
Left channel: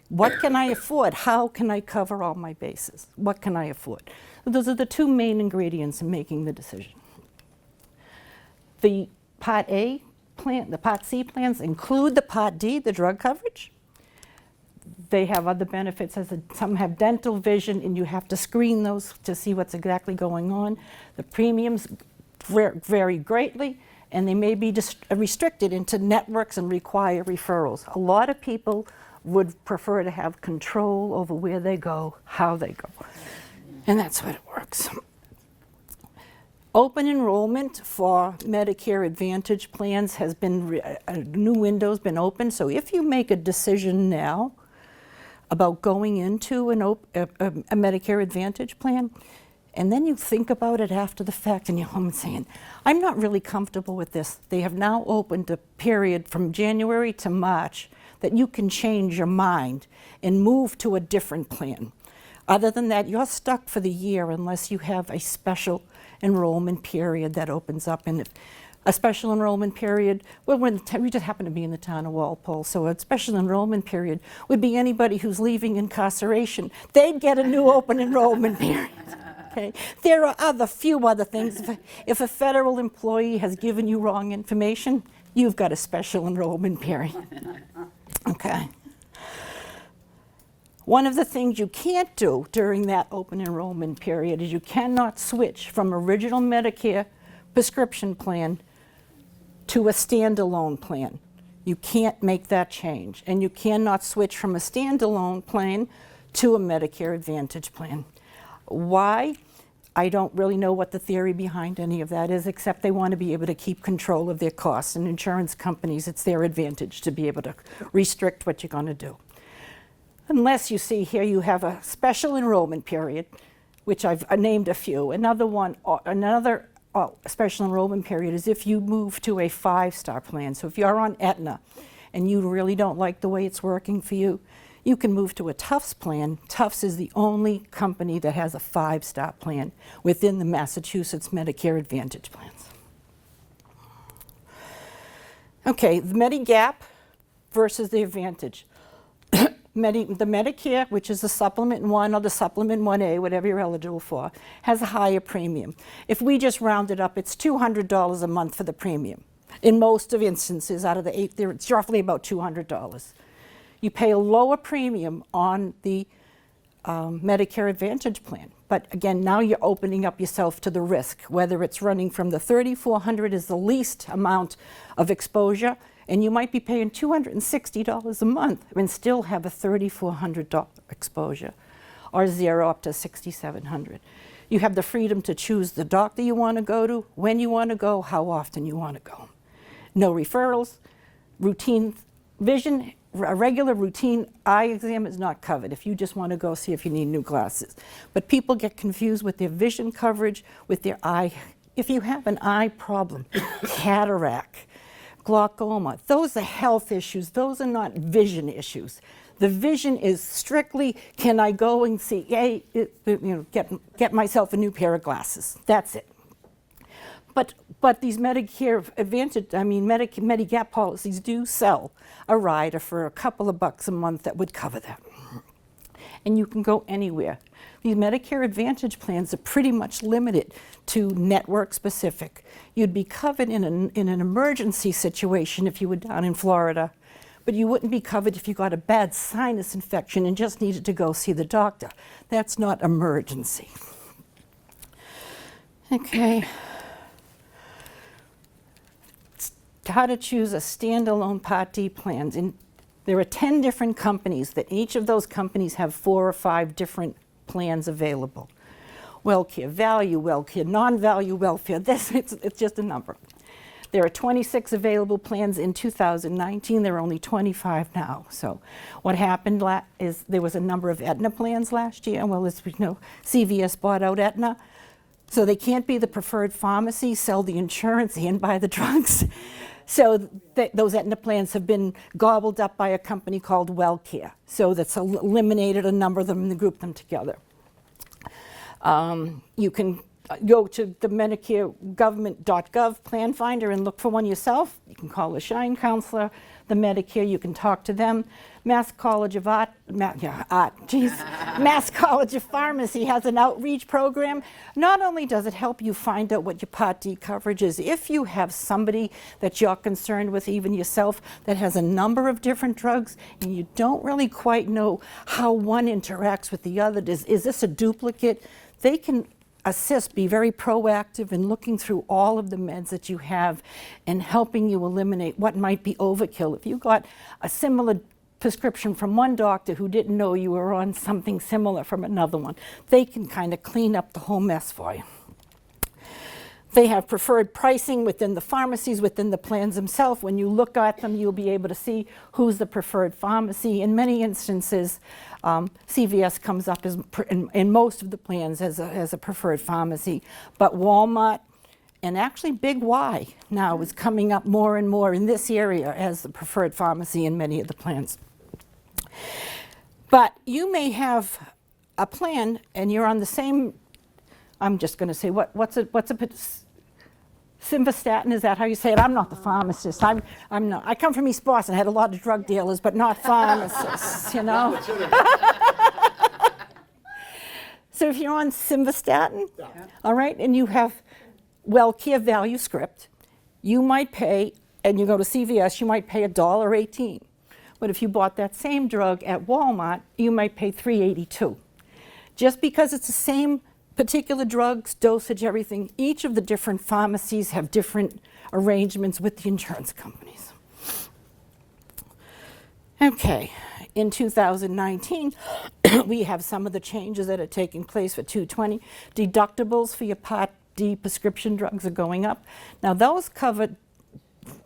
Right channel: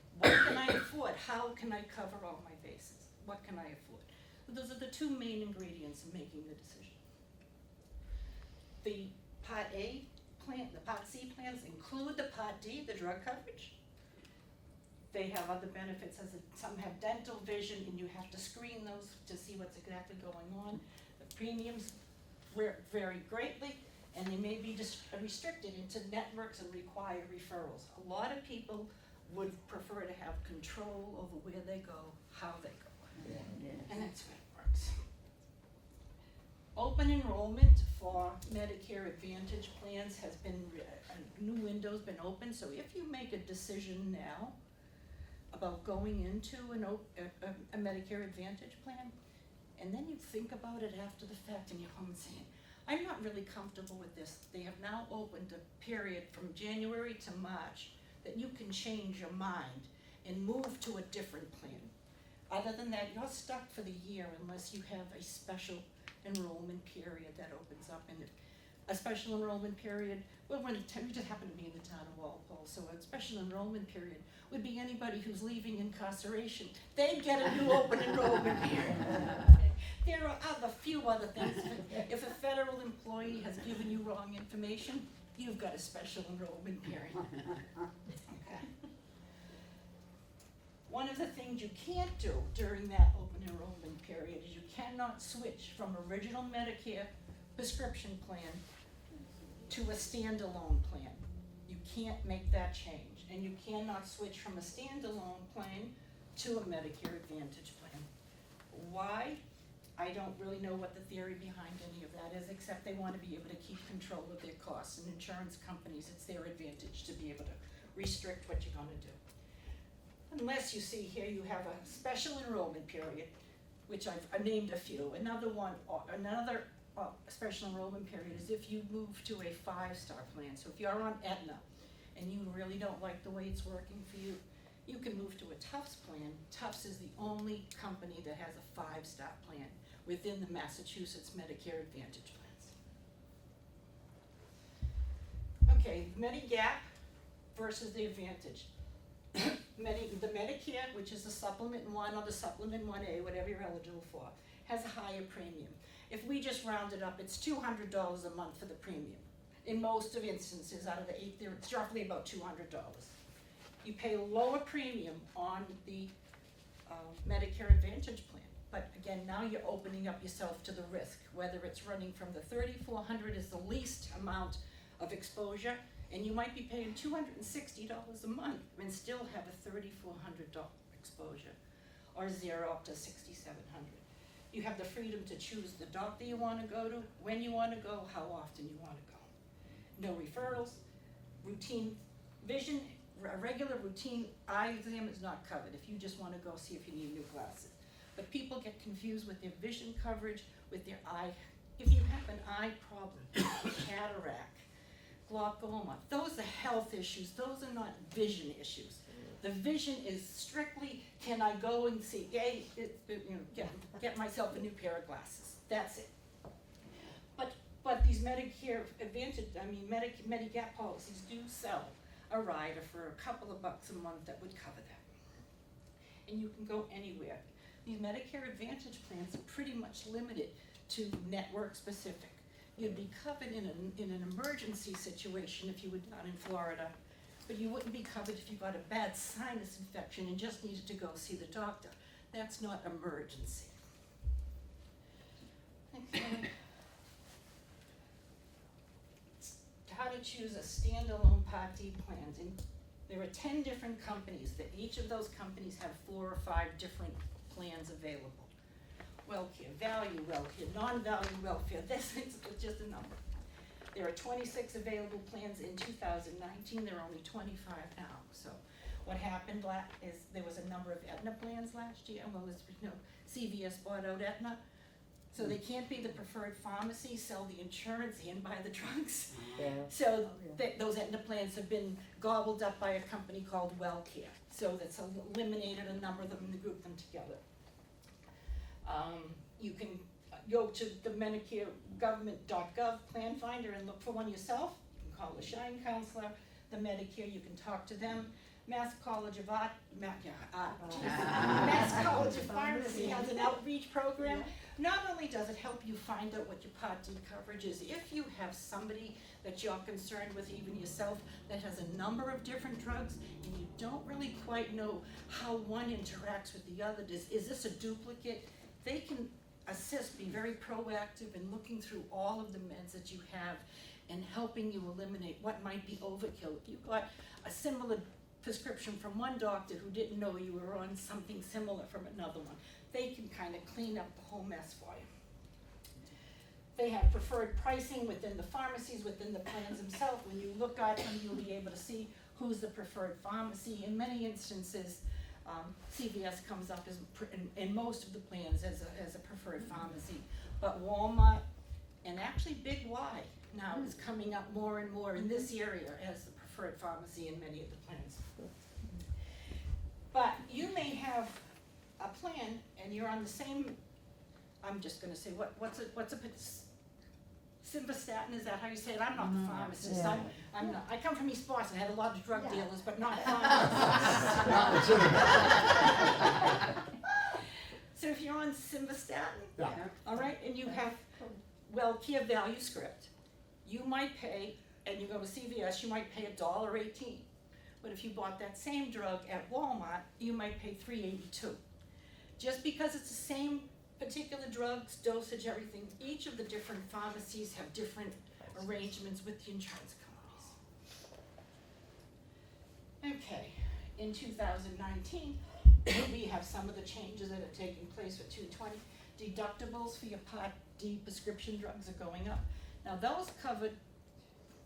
What can I afford? How can I cover all my bases? What can I afford? Those are the two main ingredients in making the decision. The Part A plan, the Part C plans include the Part D, the drug coverage. They have other benefits, some have dental vision, and you have to screen those to see what's exactly going on. The premiums vary greatly, and they may be restricted into networks and require referrals. A lot of people would prefer to have control over where they go, how they go, and that's what it works. Open enrollment for Medicare Advantage plans has been, a new window's been open, so if you make a decision now about going into a Medicare Advantage plan, And then you think about it after the fact and you're home saying, I'm not really comfortable with this. They have now opened a period from January to March that you can change your mind and move to a different plan. Other than that, you're stuck for the year unless you have a special enrollment period that opens up. And a special enrollment period, well, we just happen to be in the town of Walpole, so a special enrollment period would be anybody who's leaving incarceration. They'd get a new open enrollment period. Okay. There are few other things. If a federal employee has given you wrong information, you've got a special enrollment period. Okay. One of the things you can't do during that open enrollment period is you cannot switch from original Medicare prescription plan to a standalone plan. You can't make that change. And you cannot switch from a standalone plan to a Medicare Advantage plan. Why? I don't really know what the theory behind any of that is, except they want to be able to keep control of their costs. And insurance companies, it's their advantage to be able to restrict what you're going to do. Unless you see here you have a special enrollment period, which I've named a few. Another special enrollment period is if you move to a 5-star plan. So if you're on Aetna and you really don't like the way it's working for you, you can move to a Tufts plan. Tufts is the only company that has a 5-star plan within the Massachusetts Medicare Advantage plans. Okay, the Medigap versus the Advantage. The Medicare, which is the Supplement 1 or the Supplement 1A, whatever you're eligible for, has a higher premium. If we just round it up, it's $200 a month for the premium. In most of instances, out of the 8, it's roughly about $200. You pay a lower premium on the Medicare Advantage plan. But again, now you're opening up yourself to the risk, whether it's running from the $3,400 is the least amount of exposure, and you might be paying $260 a month and still have a $3,400 exposure, or 0 up to $6,700. You have the freedom to choose the doctor you want to go to, when you want to go, how often you want to go. No referrals, routine vision. A regular routine eye exam is not covered if you just want to go see if you need new glasses. But people get confused with their vision coverage, with their eye. If you have an eye problem, cataract, glaucoma, those are health issues. Those are not vision issues. The vision is strictly, can I go and see, get myself a new pair of glasses. That's it. But these Medicare Advantage, Medigap policies do sell a rider for a couple of bucks a month that would cover that. And you can go anywhere. These Medicare Advantage plans are pretty much limited to network specific. You'd be covered in an emergency situation if you were down in Florida, but you wouldn't be covered if you got a bad sinus infection and just needed to go see the doctor. That's not emergency. Okay. How to choose a standalone Part D plans. And there are 10 different companies that each of those companies have 4 or 5 different plans available. WellCare, value WellCare, non-value welfare, it's just a number. There are 26 available plans in 2019. There are only 25 now. So what happened is there was a number of Aetna plans last year. Well, as we know, CVS bought out Aetna. So they can't be the preferred pharmacy, sell the insurance, and buy the drugs. So those Aetna plans have been gobbled up by a company called WellCare. So that's eliminated a number of them and grouped them together. You can go to the Medicare government.gov plan finder and look for one yourself. You can call a Shine counselor, the Medicare, you can talk to them. Mass College of Pharmacy has an outreach program. Not only does it help you find out what your Part D coverage is, if you have somebody that you're concerned with, even yourself, that has a number of different drugs and you don't really quite know how one interacts with the other, is this a duplicate? They can assist, be very proactive in looking through all of the meds that you have and helping you eliminate what might be overkill. If you got a similar prescription from one doctor who didn't know you were on something similar from another one, they can kind of clean up the whole mess for you. They have preferred pricing within the pharmacies, within the plans themselves. When you look at them, you'll be able to see who's the preferred pharmacy. In many instances, CVS comes up as, in most of the plans as a preferred pharmacy, but Walmart and actually Big Y now is coming up more and more in this area as the preferred pharmacy in many of the plans. But you may have a plan and you're on the same, I'm just going to say, what's a Simvastatin, is that how you say it? I'm not the pharmacist. I'm not. I come from East Boston. I had a lot of drug dealers, but not pharmacists, you know? So if you're on Simvastatin, all right, and you have WellCare value script, you might pay, and you go to CVS, you might pay $1.18. But if you bought that same drug at Walmart, you might pay $3.82. Just because it's the same particular drugs, dosage, everything, each of the different pharmacies have different arrangements with the insurance companies. Okay, in 2019, we have some of the changes that are taking place for 220. Deductibles for your Part D prescription drugs are going up. Now those cover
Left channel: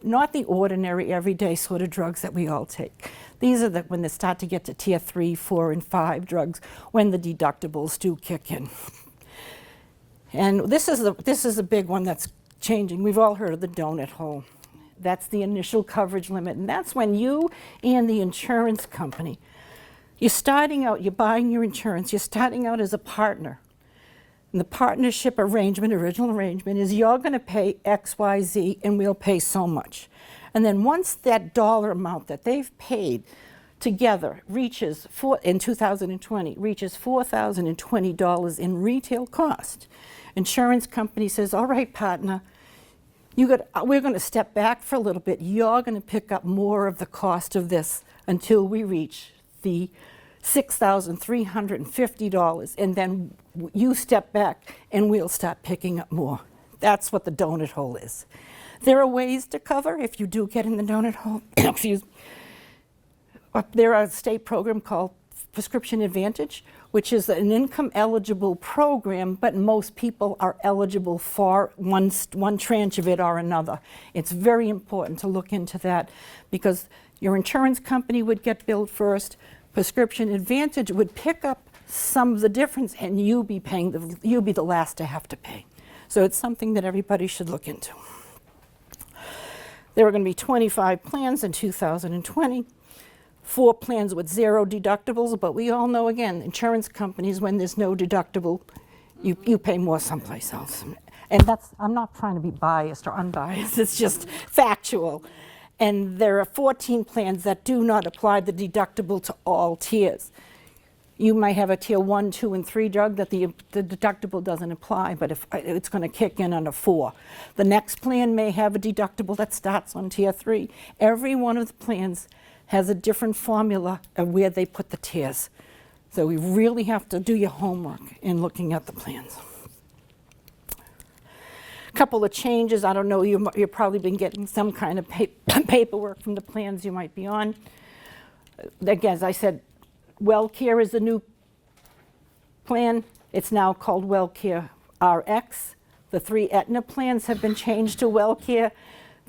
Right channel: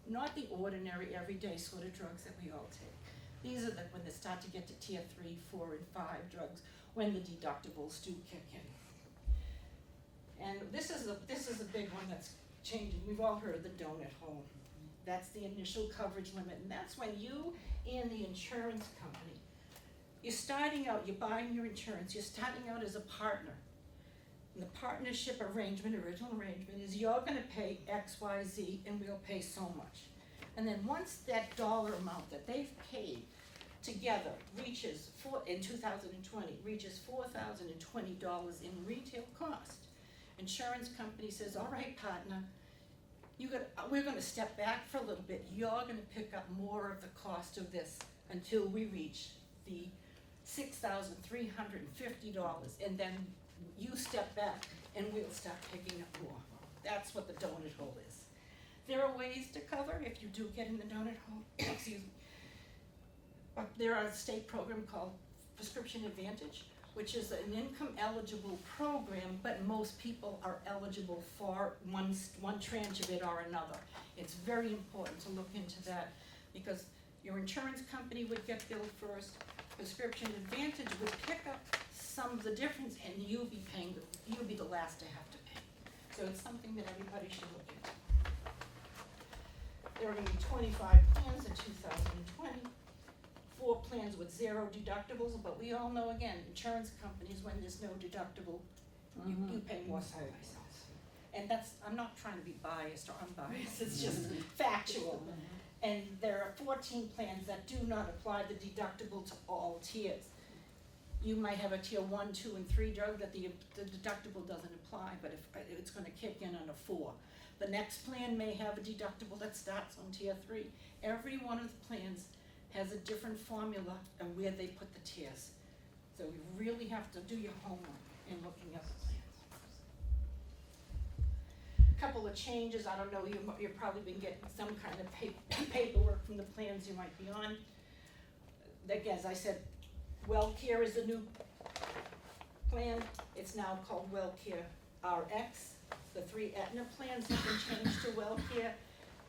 not the ordinary everyday sort of drugs that we all take. These are when they start to get to tier 3, 4, and 5 drugs, when the deductibles do kick in. And this is a big one that's changing. We've all heard of the donut hole. That's the initial coverage limit, and that's when you and the insurance company, you're starting out, you're buying your insurance, you're starting out as a partner. And the partnership arrangement, original arrangement, is you're going to pay X, Y, Z, and we'll pay so much. And then once that dollar amount that they've paid together reaches, in 2020, reaches $4,020 in retail cost, insurance company says, all right, partner, we're going to step back for a little bit. You're going to pick up more of the cost of this until we reach the $6,350, and then you step back and we'll start picking up more. That's what the donut hole is. There are ways to cover if you do get in the donut hole. There are a state program called Prescription Advantage, which is an income eligible program, but most people are eligible for one tranche of it or another. It's very important to look into that because your insurance company would get billed first. Prescription Advantage would pick up some of the difference, and you'll be the last to have to pay. So it's something that everybody should look into. There are going to be 25 plans in 2020. 4 plans with 0 deductibles, but we all know, again, insurance companies, when there's no deductible, you pay more someplace else. And I'm not trying to be biased or unbiased, it's just factual. And there are 14 plans that do not apply the deductible to all tiers. You might have a tier 1, 2, and 3 drug that the deductible doesn't apply, but if it's going to kick in on a 4. The next plan may have a deductible that starts on tier 3. Every one of the plans has a different formula of where they put the tiers. So we really have to do your homework in looking at the plans. A couple of changes. I don't know, you've probably been getting some kind of paperwork from the plans you might be on. Again, as I said, WellCare is a new plan. It's now called WellCare RX. The 3 Aetna plans have been changed to WellCare.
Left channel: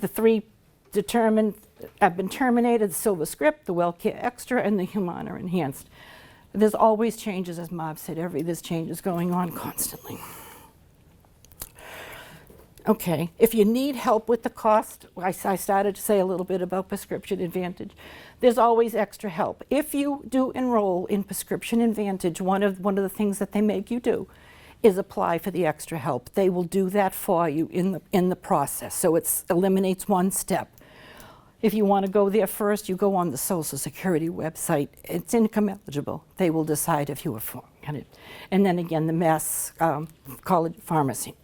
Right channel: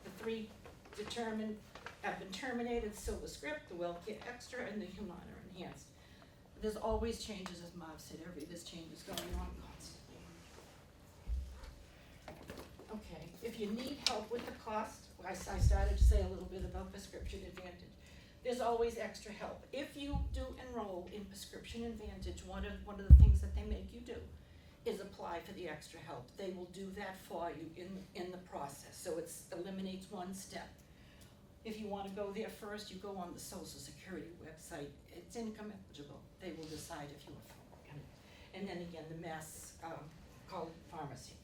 The 3 have been terminated: the Silver Script, the WellCare Extra, and the Humana Enhanced. There's always changes, as Marv said, there's changes going on constantly. Okay, if you need help with the cost, I started to say a little bit about Prescription Advantage. There's always extra help. If you do enroll in Prescription Advantage, one of the things that they make you do is apply for the extra help. They will do that for you in the process, so it eliminates one step. If you want to go there first, you go on the Social Security website. It's income eligible. They will decide if you are for it. And then again, the Mass College Pharmacy.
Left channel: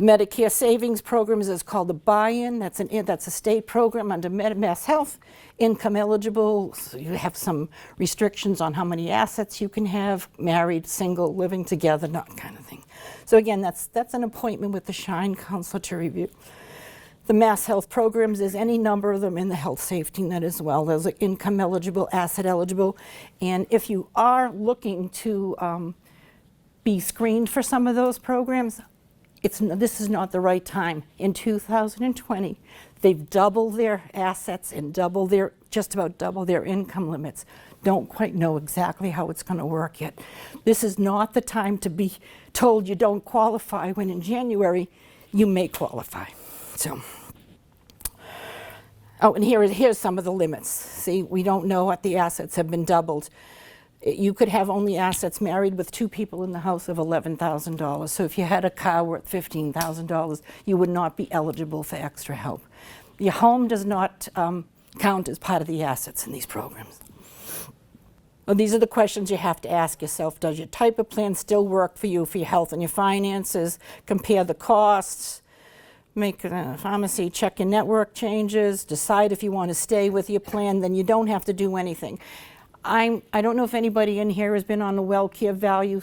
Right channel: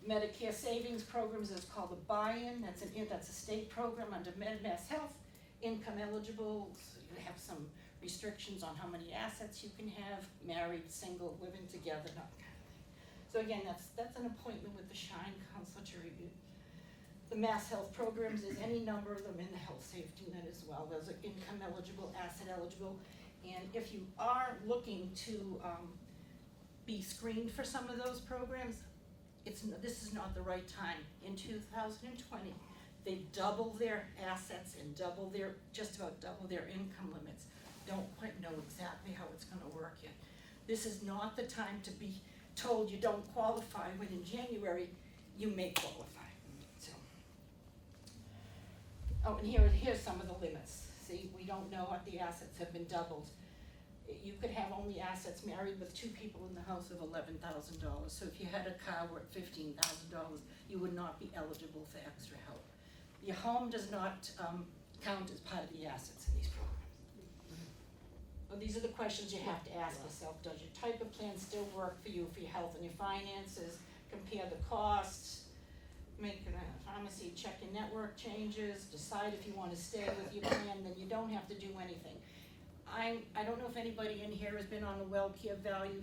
Medicare Savings Programs is called the buy-in. That's a state program under Mass Health. Income eligible, so you have some restrictions on how many assets you can have, married, single, living together, that kind of thing. So again, that's an appointment with the Shine counselor to review. The Mass Health programs, is any number of them in the health safety net as well. Those are income eligible, asset eligible. And if you are looking to be screened for some of those programs, this is not the right time. In 2020, they've doubled their assets and just about double their income limits. Don't quite know exactly how it's going to work yet. This is not the time to be told you don't qualify when in January you may qualify. So, oh, and here's some of the limits. See, we don't know what the assets have been doubled. You could have only assets married with 2 people in the house of $11,000. So if you had a car worth $15,000, you would not be eligible for extra help. Your home does not count as part of the assets in these programs. Well, these are the questions you have to ask yourself. Does your type of plan still work for you, for your health and your finances? Compare the costs. Make a pharmacy, check your network changes, decide if you want to stay with your plan, then you don't have to do anything. I don't know if anybody in here has been on the WellCare value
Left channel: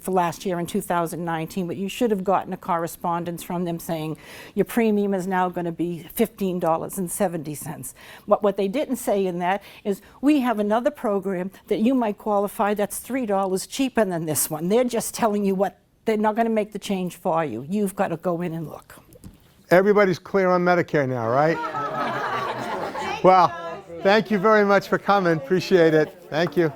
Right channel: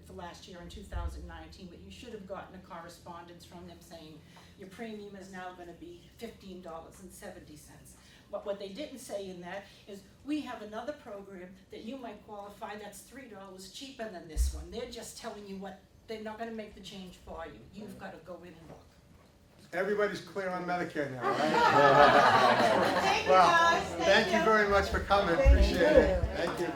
for last year in 2019, but you should have gotten a correspondence from them saying your premium is now going to be $15.70. What they didn't say in that is we have another program that you might qualify that's $3 cheaper than this one. They're just telling you what, they're not going to make the change for you. You've got to go in and look. Everybody's clear on Medicare now, right? Well, thank you very much for coming. Appreciate it. Thank you.